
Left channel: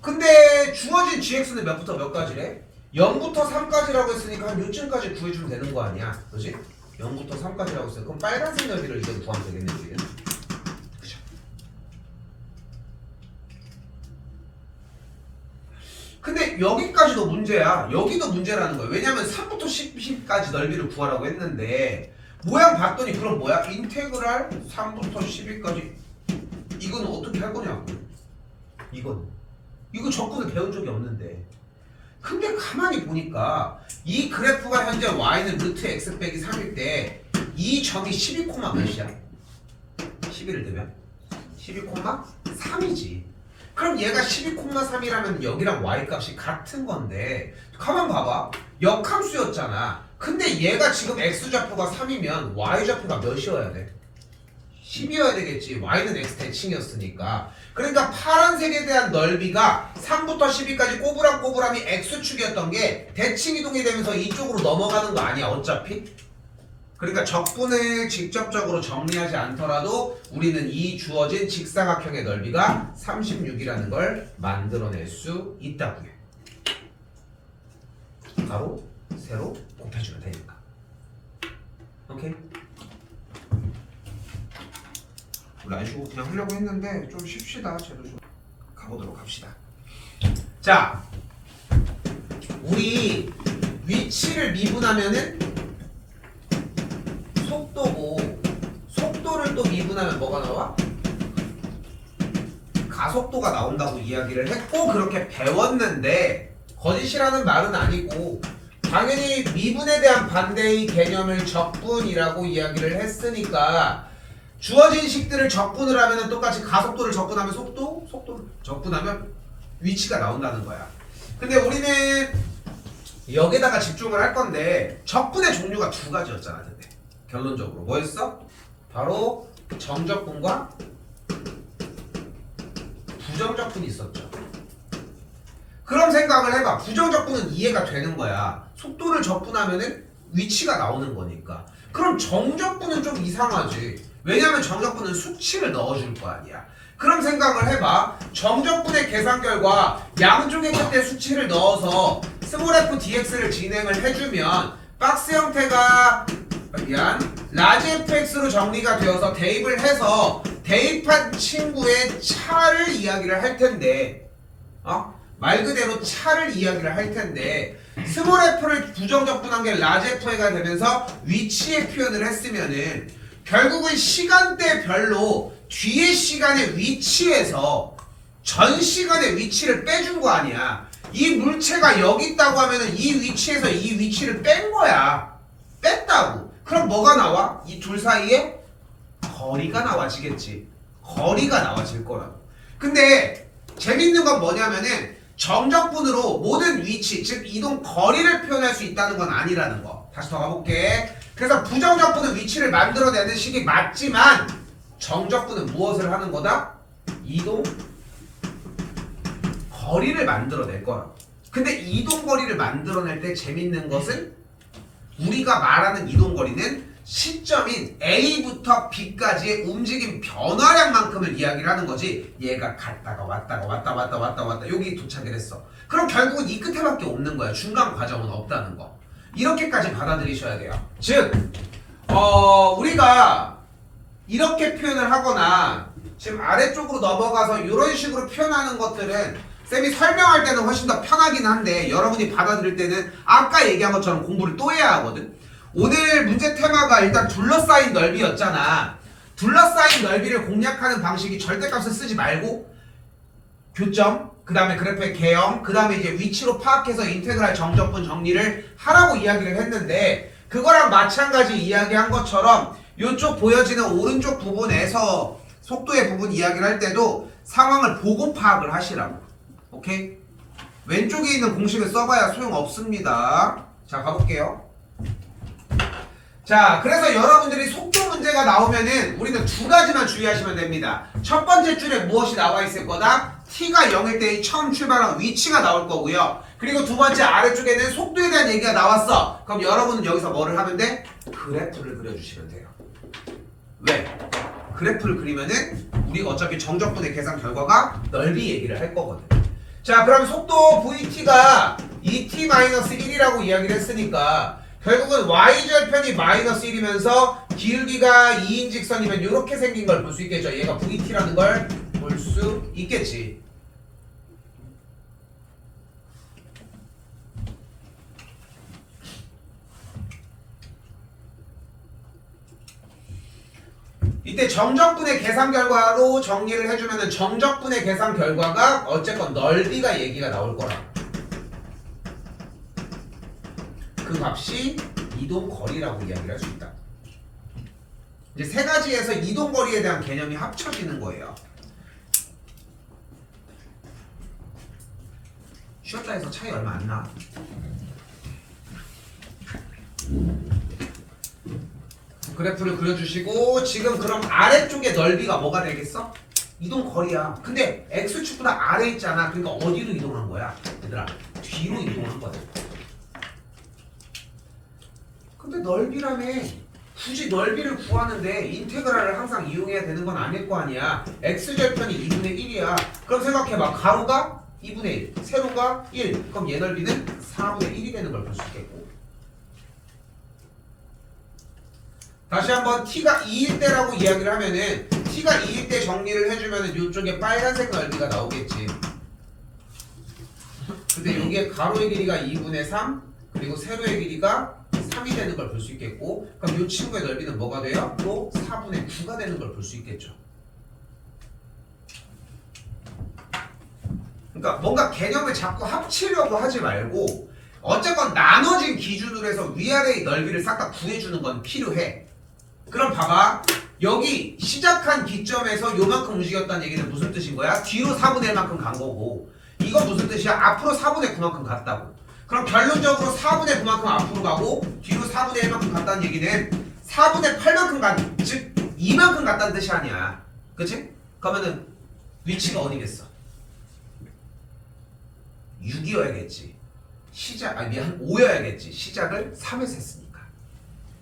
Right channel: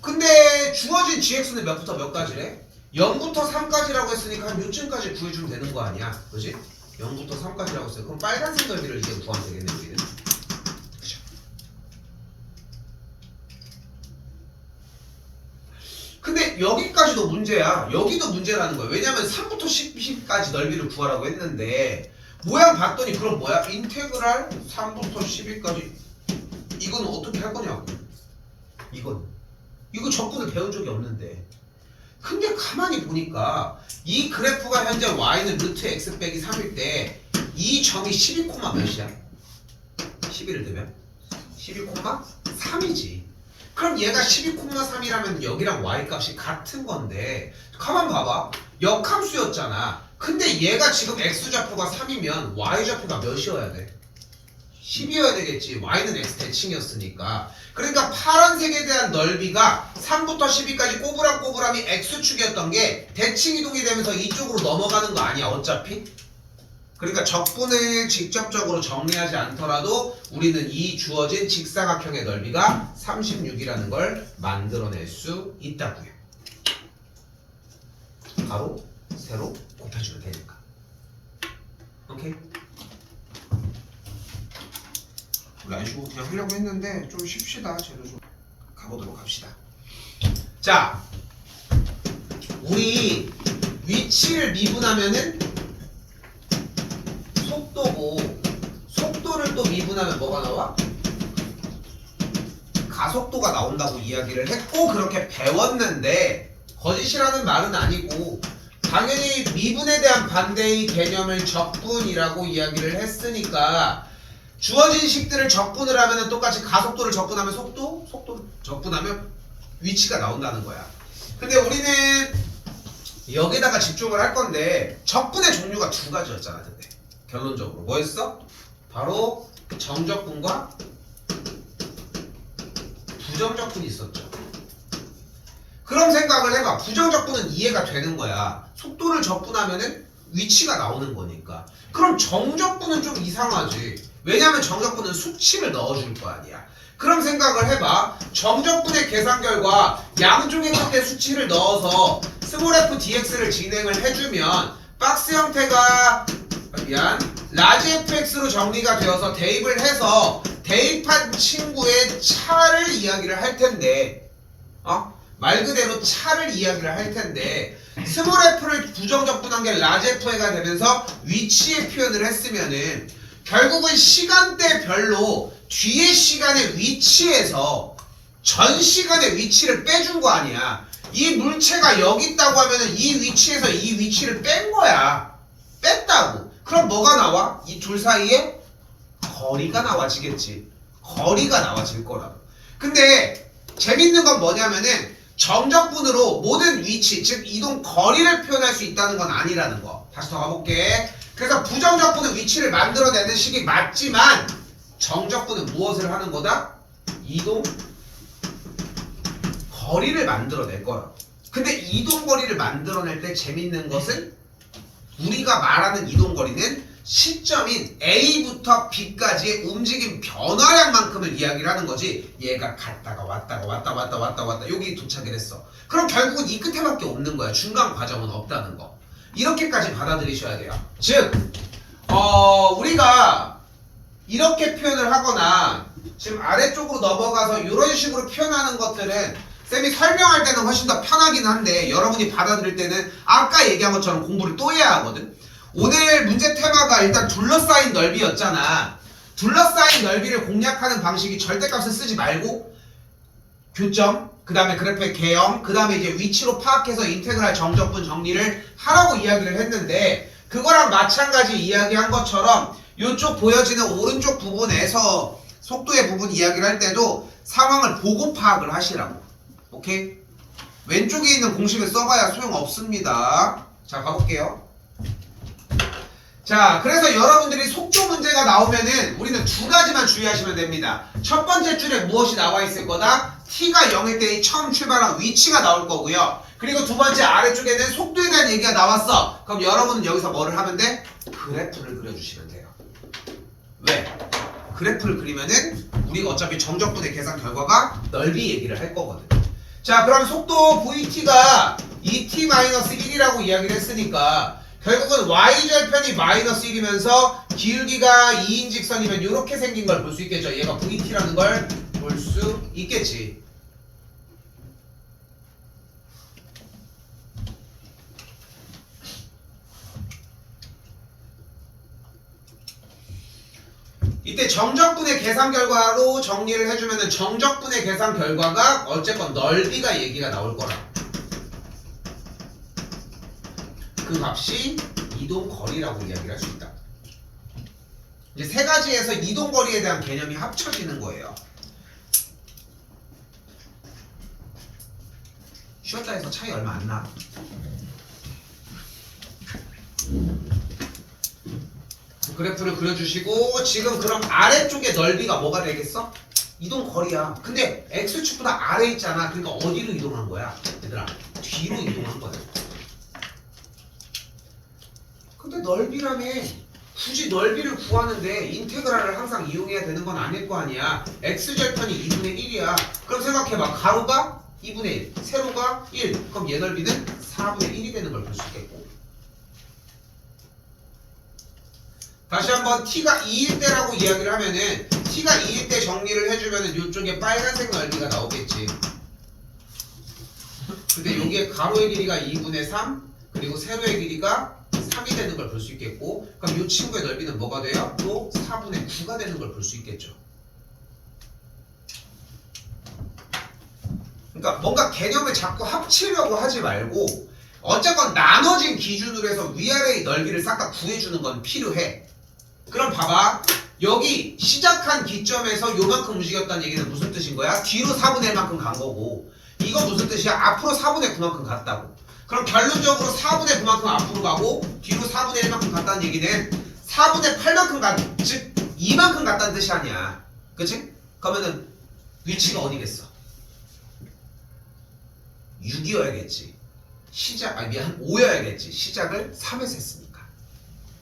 근데 주어진 gx는 몇부터 몇까지래? 0부터 3까지라고 했으니까 한 요쯤까지 구해주면 되는 거 아니야, 그지? 0부터 3까지라고 했어요. 그럼 빨간색 넓이를 이제 구하면 되겠네, 우리는. 그죠? 근데 여기까지도 문제야. 여기도 문제라는 거야. 왜냐면 3부터 10까지 넓이를 구하라고 했는데 모양 봤더니 그럼 뭐야? 인테그랄 3부터 12까지 이건 어떻게 할 거냐고. 이거 적분을 배운 적이 없는데. 근데 가만히 보니까 이 그래프가 현재 y는 루트 x 빼기 3일 때 이 점이 12, 몇이야? 11을 대면 12,3이지. 그럼 얘가 12,3이라면 여기랑 y 값이 같은 건데 가만 봐봐. 역함수였잖아. 근데 얘가 지금 x좌표가 3이면 y좌표가 몇이어야 돼? 10이어야 되겠지. y는 x 대칭이었으니까. 그러니까 파란색에 대한 넓이가 3부터 12까지 꼬부랑꼬부랑이 x축이었던 게 대칭 이동이 되면서 이쪽으로 넘어가는 거 아니야, 어차피? 그러니까 적분을 직접적으로 정리하지 않더라도 우리는 이 주어진 직사각형의 넓이가 36이라는 걸 만들어낼 수 있다고요. 바로 세로 곱해주면 되니까. 오케이? 라이쇼 그냥 하려고 했는데 좀 쉽시다. 쟤도 좀 가보도록 합시다. 자, 우리 위치를 미분하면은 속도고, 속도를 또 미분하면 뭐가 나와? 가속도가 나온다고 이야기를 했고 그렇게 배웠는데 거짓이라는 말은 아니고 당연히 미분에 대한 반대의 개념을 적분이라고 이야기를 했으니까 주어진 식들을 적분을 하면 똑같이 가속도를 적분하면 속도를 적분하면 위치가 나온다는 거야. 근데 우리는 여기다가 집중을 할 건데 적분의 종류가 두 가지였잖아. 근데 결론적으로 뭐였어? 바로 정적분과 부정적분이 있었죠. 그럼 생각을 해봐. 부정적분은 이해가 되는 거야. 속도를 적분하면은 위치가 나오는 거니까. 그럼 정적분은 좀 이상하지. 왜냐면 정적분은 수치를 넣어줄 거 아니야. 그럼 생각을 해봐. 정적분의 계산 결과 양쪽의 끝에 수치를 넣어서 스몰 f dx를 진행을 해주면 박스 형태가 라지 fx로 정리가 되어서 대입을 해서 대입한 친구의 차를 이야기를 할 텐데 말 그대로 차를 이야기를 할 텐데 스몰 f를 부정적분한 게 라지 f가 되면서 위치의 표현을 했으면은 결국은 시간대별로 뒤의 시간의 위치에서 전 시간의 위치를 빼준 거 아니야. 이 물체가 여기 있다고 하면은 이 위치에서 이 위치를 뺀 거야. 뺐다고. 그럼 뭐가 나와? 이 둘 사이에 거리가 나와지겠지. 거리가 나와질 거라고. 근데 재밌는 건 뭐냐면은 정적분으로 모든 위치, 즉 이동 거리를 표현할 수 있다는 건 아니라는 거. 다시 더 가볼게. 그래서 부정적분은 위치를 만들어내는 식이 맞지만 정적분은 무엇을 하는 거다? 이동 거리를 만들어낼 거라고. 근데 이동 거리를 만들어낼 때 재밌는 것은 우리가 말하는 이동 거리는 시점인 A부터 B까지의 움직임 변화량만큼을 이야기를 하는 거지. 얘가 갔다가 왔다 여기 도착을 했어. 그럼 결국은 이 끝에밖에 없는 거야. 중간 과정은 없다는 거. 이렇게까지 받아들이셔야 돼요. 즉 우리가 이렇게 표현을 하거나 지금 아래쪽으로 넘어가서 이런 식으로 표현하는 것들은 쌤이 설명할 때는 훨씬 더 편하긴 한데 여러분이 받아들일 때는 아까 얘기한 것처럼 공부를 또 해야 하거든. 오늘 문제 테마가 일단 둘러싸인 넓이였잖아. 둘러싸인 넓이를 공략하는 방식이 절대값을 쓰지 말고 교점, 그 다음에 그래프의 개형, 그 다음에 이제 위치로 파악해서 인테그랄 정적분 정리를 하라고 이야기를 했는데 그거랑 마찬가지 이야기한 것처럼 이쪽 보여지는 오른쪽 부분에서 속도의 부분 이야기를 할 때도 상황을 보고 파악을 하시라고. 오케이? 왼쪽에 있는 공식을 써봐야 소용없습니다. 자, 가볼게요. 자, 그래서 여러분들이 속도 문제가 나오면은 우리는 두 가지만 주의하시면 됩니다. 첫 번째 줄에 무엇이 나와 있을 거다? t가 0일 때 처음 출발한 위치가 나올 거고요. 그리고 두 번째 아래쪽에는 속도에 대한 얘기가 나왔어. 그럼 여러분은 여기서 뭐를 하면 돼? 그래프를 그려주시면 돼요. 왜? 그래프를 그리면은 우리가 어차피 정적분의 계산 결과가 넓이 얘기를 할 거거든. 자, 그럼 속도 vt가 2t-1이라고 이야기를 했으니까 결국은 y절편이 마이너스 1이면서 기울기가 2인 직선이면 이렇게 생긴 걸 볼 수 있겠죠. 얘가 vt라는 걸 볼 수 있겠지. 이때 정적분의 계산 결과로 정리를 해주면은 정적분의 계산 결과가 어쨌건 넓이가 얘기가 나올 거라. 그 값이 이동거리라고 이야기를 할 수 있다. 이제 세 가지에서 이동거리에 대한 개념이 합쳐지는 거예요. 쉬었다 해서 차이 얼마 안 나. 그래프를 그려주시고 지금 그럼 아래쪽의 넓이가 뭐가 되겠어? 이동거리야. 근데 X축보다 아래 있잖아. 그러니까 어디로 이동한 거야? 얘들아 뒤로 이동한 거야. 근데 넓이라며 굳이 넓이를 구하는데 인테그랄을 항상 이용해야 되는 건 아닐 거 아니야. X절편이 2분의 1이야. 그럼 생각해봐. 가로가 2분의 1, 세로가 1. 그럼 얘 넓이는 4분의 1이 되는 걸 볼 수 있겠고. 다시 한번 t가 2일 때라고 이야기를 하면은 t가 2일 때 정리를 해주면은 이쪽에 빨간색 넓이가 나오겠지. 근데 여기에 가로의 길이가 2분의 3 그리고 세로의 길이가 3이 되는 걸 볼 수 있겠고, 그럼 이 친구의 넓이는 뭐가 돼요? 또 4분의 9가 되는 걸 볼 수 있겠죠. 그러니까 뭔가 개념을 자꾸 합치려고 하지 말고 어쨌건 나눠진 기준으로 해서 위아래의 넓이를 싹 다 구해주는 건 필요해. 그럼 봐봐. 여기 시작한 기점에서 요만큼 움직였다는 얘기는 무슨 뜻인 거야? 뒤로 4분의 1만큼 간 거고, 이건 무슨 뜻이야? 앞으로 4분의 9만큼 갔다고. 그럼 결론적으로 4분의 9만큼 앞으로 가고 뒤로 4분의 1만큼 갔다는 얘기는 4분의 8만큼 간, 즉 2만큼 갔다는 뜻이 아니야. 그치? 그러면은 위치가 어디겠어? 6이어야겠지. 시작, 아니 미안, 5여야겠지. 시작을 3에서 했으니까.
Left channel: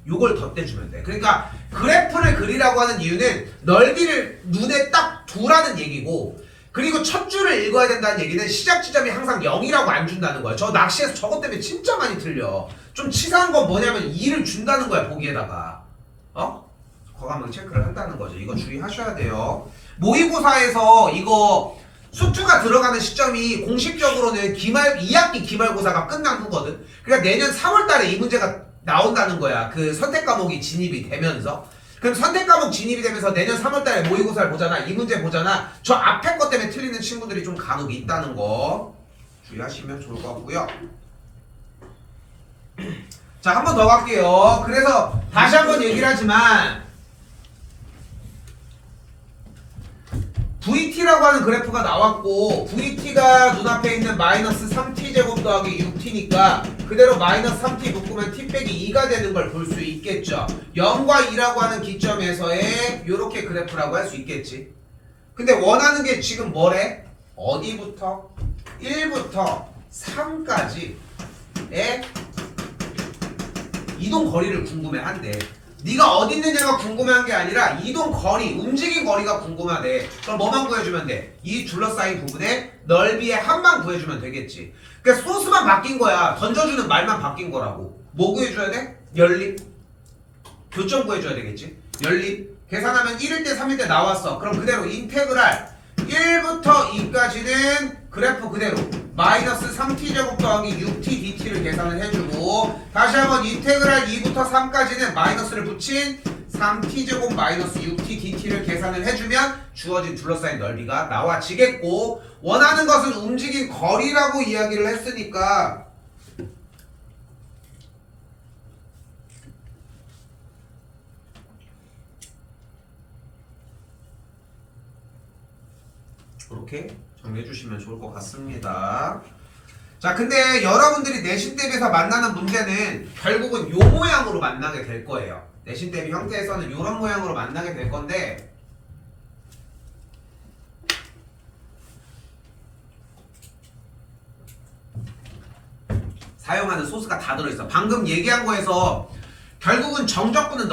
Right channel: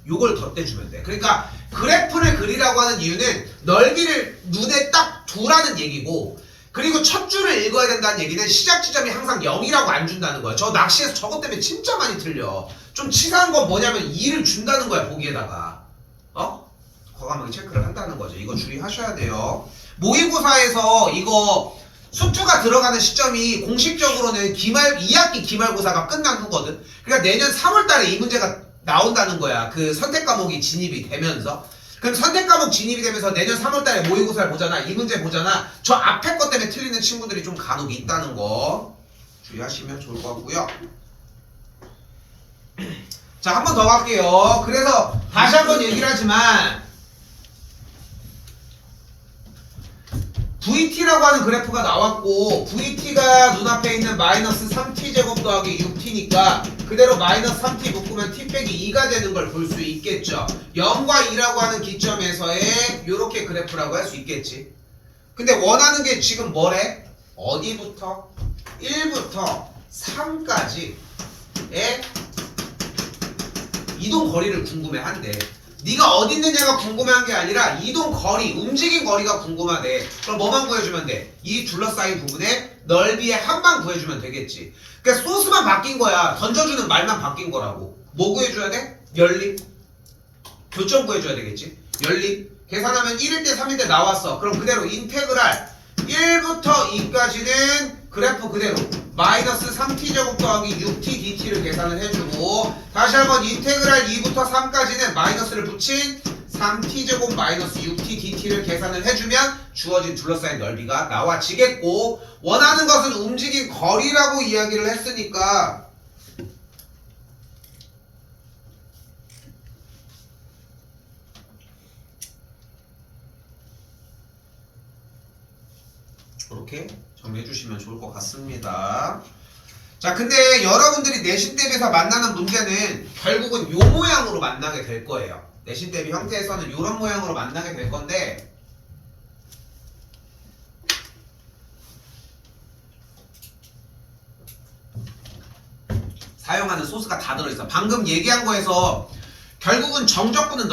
요걸 덧대주면 돼. 그러니까 그래프를 그리라고 하는 이유는 넓이를 눈에 딱 두라는 얘기고, 그리고 첫 줄을 읽어야 된다는 얘기는 시작 지점이 항상 0이라고 안 준다는 거야. 저 낚시에서 저것 때문에 진짜 많이 틀려. 좀 치사한 건 뭐냐면 2를 준다는 거야, 보기에다가. 과감하게 체크를 한다는 거죠. 이거 주의하셔야 돼요. 모의고사에서 이거 수투가 들어가는 시점이 공식적으로는 2학기 기말고사가 끝난 후거든. 그러니까 내년 3월 달에 이 문제가 나온다는 거야. 그 선택 과목이 진입이 되면서. 그럼 선택 과목 진입이 되면서 내년 3월 달에 모의고사를 보잖아. 이 문제 보잖아. 저 앞에 것 때문에 틀리는 친구들이 좀 간혹 있다는 거 주의하시면 좋을 것 같고요. 자, 한 번 더 갈게요. 그래서 다시 한번 얘기를 하지만 VT라고 하는 그래프가 나왔고, VT가 눈앞에 있는 마이너스 3t제곱 더하기 6t니까 그대로 마이너스 3t 묶으면 t 빼기 2가 되는 걸 볼 수 있겠죠. 0과 2라고 하는 기점에서의 요렇게 그래프라고 할 수 있겠지. 근데 원하는 게 지금 뭐래? 어디부터? 1부터 3까지의 이동 거리를 궁금해한대. 네가 어디 있느냐가 궁금한 게 아니라 이동 거리, 움직인 거리가 궁금하대. 그럼 뭐만 구해주면 돼? 이 둘러싸인 부분의 넓이의 합만 구해주면 되겠지. 그러니까 소스만 바뀐 거야. 던져주는 말만 바뀐 거라고. 뭐 구해줘야 돼? 연립. 교점 구해줘야 되겠지. 연립. 계산하면 1일 때 3일 때 나왔어. 그럼 그대로 인테그랄 1부터 2까지는 그래프 그대로 마이너스 3t제곱 더하기 6t dt를 계산을 해주고, 다시 한번 인테그랄 2부터 3까지는 마이너스를 붙인 3t제곱 마이너스 6t dt를 계산을 해주면 주어진 둘러싸인 넓이가 나와지겠고, 원하는 것은 움직인 거리라고 이야기를 했으니까 이렇게 정리해 주시면 좋을 것 같습니다. 자, 근데 여러분들이 내신 대비해서 만나는 문제는 결국은 요 모양으로 만나게 될 거예요. 내신 대비 형태에서는 요런 모양으로 만나게 될 건데, 사용하는 소스가 다 들어있어. 방금 얘기한 거에서 결국은 정적분은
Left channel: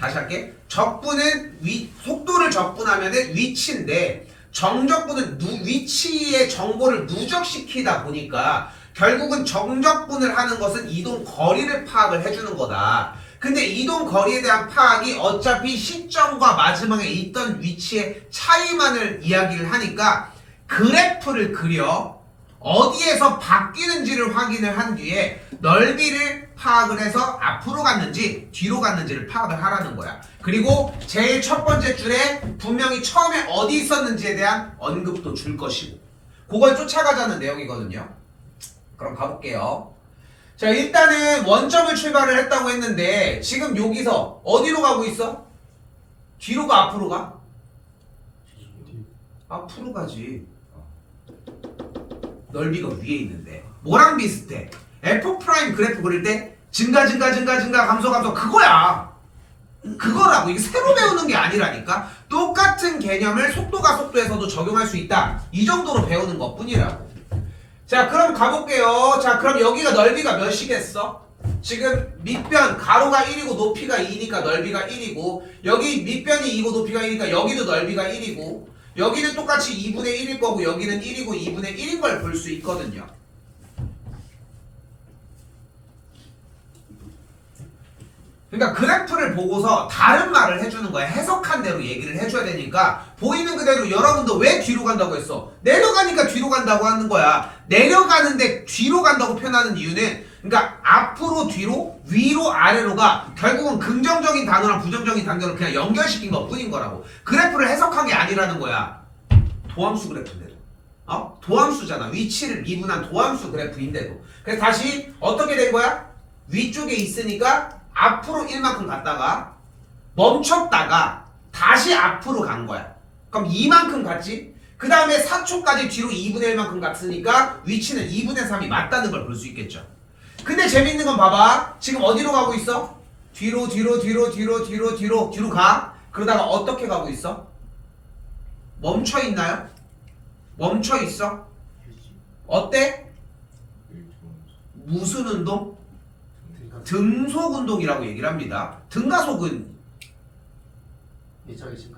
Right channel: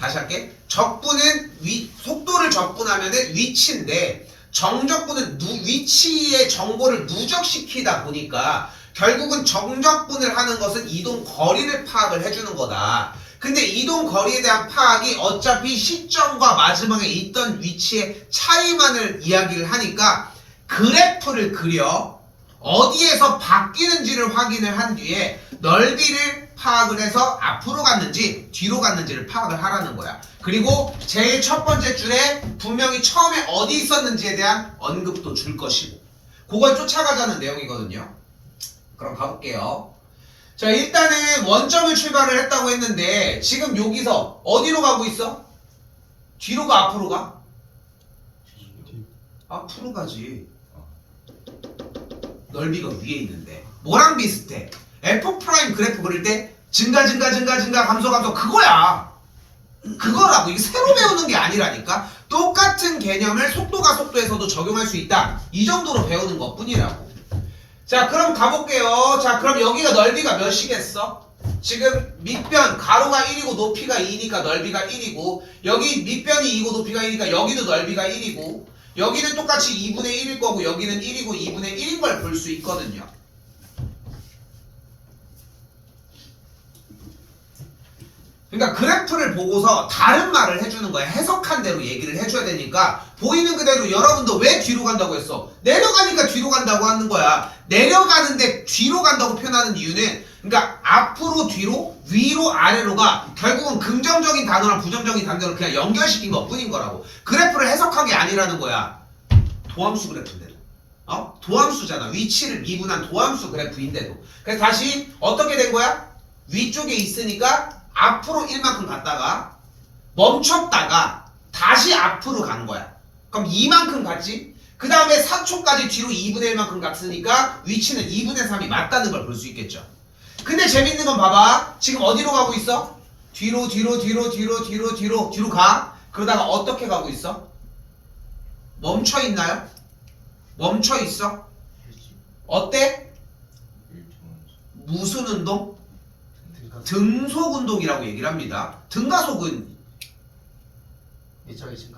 다시 할게. 적분은 속도를 적분하면은 위치인데 정적분은 위치의 정보를 누적시키다 보니까 결국은 정적분을 하는 것은 이동 거리를 파악을 해주는 거다. 근데 이동 거리에 대한 파악이 어차피 시점과 마지막에 있던 위치의 차이만을 이야기를 하니까 그래프를 그려 어디에서 바뀌는지를 확인을 한 뒤에 넓이를 파악을 해서 앞으로 갔는지 뒤로 갔는지를 파악을 하라는 거야. 그리고 제일 첫 번째 줄에 분명히 처음에 어디 있었는지에 대한 언급도 줄 것이고 그걸 쫓아가자는 내용이거든요. 그럼 가볼게요. 자, 일단은 원점을 출발을 했다고 했는데 지금 여기서 어디로 가고 있어? 뒤로 가 앞으로 가? 앞으로 가지. 넓이가 위에 있는데 뭐랑 비슷해? F' 그래프 그릴 때 증가 감소 그거야. 그거라고. 이게 새로 배우는 게 아니라니까. 똑같은 개념을 속도가 속도에서도 적용할 수 있다. 이 정도로 배우는 것 뿐이라고. 자, 그럼 가볼게요. 자, 그럼 여기가 넓이가 몇이겠어? 지금 밑변 가로가 1이고 높이가 2니까 넓이가 1이고 여기 밑변이 2고 높이가 1이니까 여기도 넓이가 1이고 여기는 똑같이 2분의 1일 거고 여기는 1이고 2분의 1인 걸 볼 수 있거든요. 그러니까 그래프를 보고서 다른 말을 해주는 거야. 해석한 대로 얘기를 해줘야 되니까 보이는 그대로 여러분도 왜 뒤로 간다고 했어? 내려가니까 뒤로 간다고 하는 거야. 내려가는데 뒤로 간다고 표현하는 이유는 그러니까 앞으로 뒤로 위로 아래로가 결국은 긍정적인 단어랑 부정적인 단어를 그냥 연결시킨 것 뿐인 거라고. 그래프를 해석한 게 아니라는 거야. 도함수 그래프인데도. 도함수잖아. 위치를 미분한 도함수 그래프인데도. 그래서 다시 어떻게 된 거야? 위쪽에 있으니까 앞으로 1만큼 갔다가 멈췄다가 다시 앞으로 간 거야. 그럼 2만큼 갔지? 그 다음에 4초까지 뒤로 2분의 1만큼 갔으니까 위치는 2분의 3이 맞다는 걸 볼 수 있겠죠. 근데 재밌는 건 봐봐. 지금 어디로 가고 있어? 뒤로 가. 그러다가 어떻게 가고 있어? 멈춰 있나요? 멈춰 있어? 어때? 무슨 운동? 등속 운동이라고 얘기를 합니다. 등가속은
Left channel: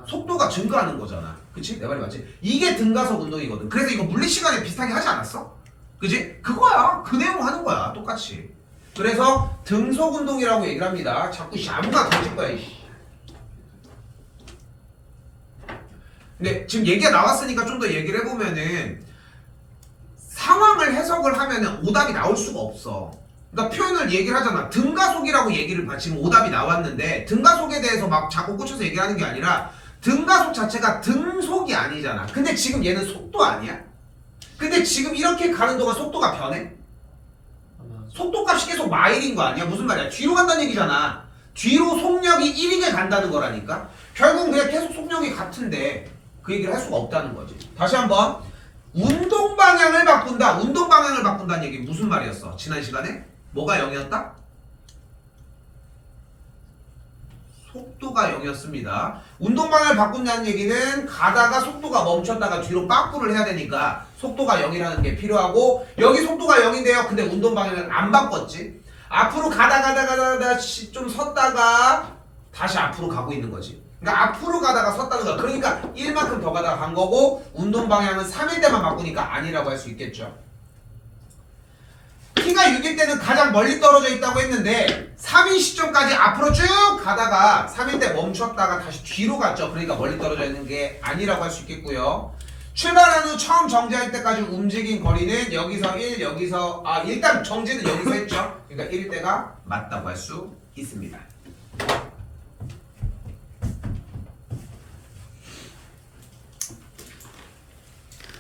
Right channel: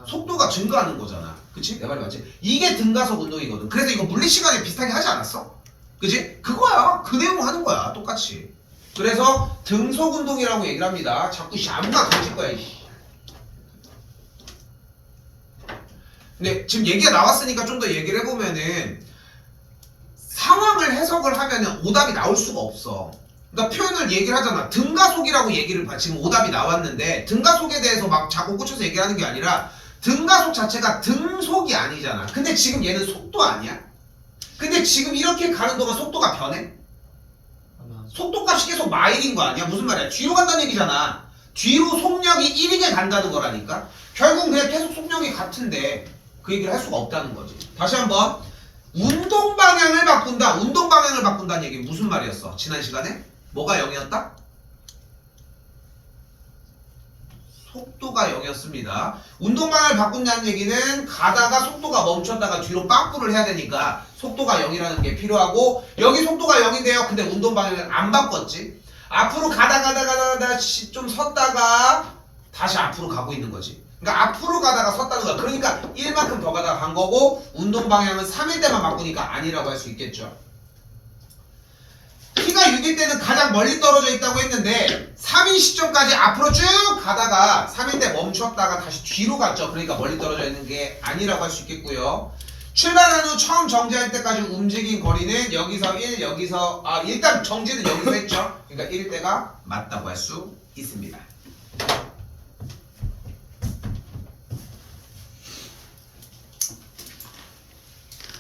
속도가 증가하는 거잖아. 그치? 내 말이 맞지? 이게 등가속 운동이거든. 그래서 이거 물리 시간에 비슷하게 하지 않았어? 그치? 그거야. 그 내용 하는 거야. 똑같이. 그래서 등속 운동이라고 얘기를 합니다. 자꾸 아무나 던질 거야. 근데 지금 얘기가 나왔으니까 좀 더 얘기를 해보면은 상황을 해석을 하면은 오답이 나올 수가 없어. 그러니까 표현을 얘기를 하잖아. 등가속이라고 얘기를 지금 오답이 나왔는데 등가속에 대해서 막 자꾸 꽂혀서 얘기하는 게 아니라 등가속 자체가 등속이 아니잖아. 근데 지금 얘는 속도 아니야? 근데 지금 이렇게 가는 동안 속도가 변해? 속도값이 계속 마일인 거 아니야? 무슨 말이야? 뒤로 간다는 얘기잖아. 뒤로 속력이 1이게 간다는 거라니까. 결국은 그냥 계속 속력이 같은데 그 얘기를 할 수가 없다는 거지. 다시 한번 운동 방향을 바꾼다. 운동 방향을 바꾼다는 얘기 무슨 말이었어? 지난 시간에? 뭐가 0이었다? 속도가 0이었습니다. 운동 방향을 바꾼다는 얘기는 가다가 속도가 멈췄다가 뒤로 빠꾸를 해야 되니까 속도가 0이라는 게 필요하고 여기 속도가 0인데요. 근데 운동 방향을 안 바꿨지. 앞으로 가다 좀 섰다가 다시 앞으로 가고 있는 거지. 그러니까 앞으로 가다가 섰다는 거야. 그러니까 1만큼 더 가다가 간 거고 운동 방향은 3일 때만 바꾸니까 아니라고 할 수 있겠죠. T가 6일 때는 가장 멀리 떨어져 있다고 했는데 3일 시점까지 앞으로 쭉 가다가 3일 때 멈췄다가 다시 뒤로 갔죠. 그러니까 멀리 떨어져 있는 게 아니라고 할 수 있겠고요. 출발한 후 처음 정지할 때까지 움직인 거리는 여기서 1, 여기서 일단 정지는 여기서 했죠. 그러니까 1일 때가 맞다고 할 수 있습니다.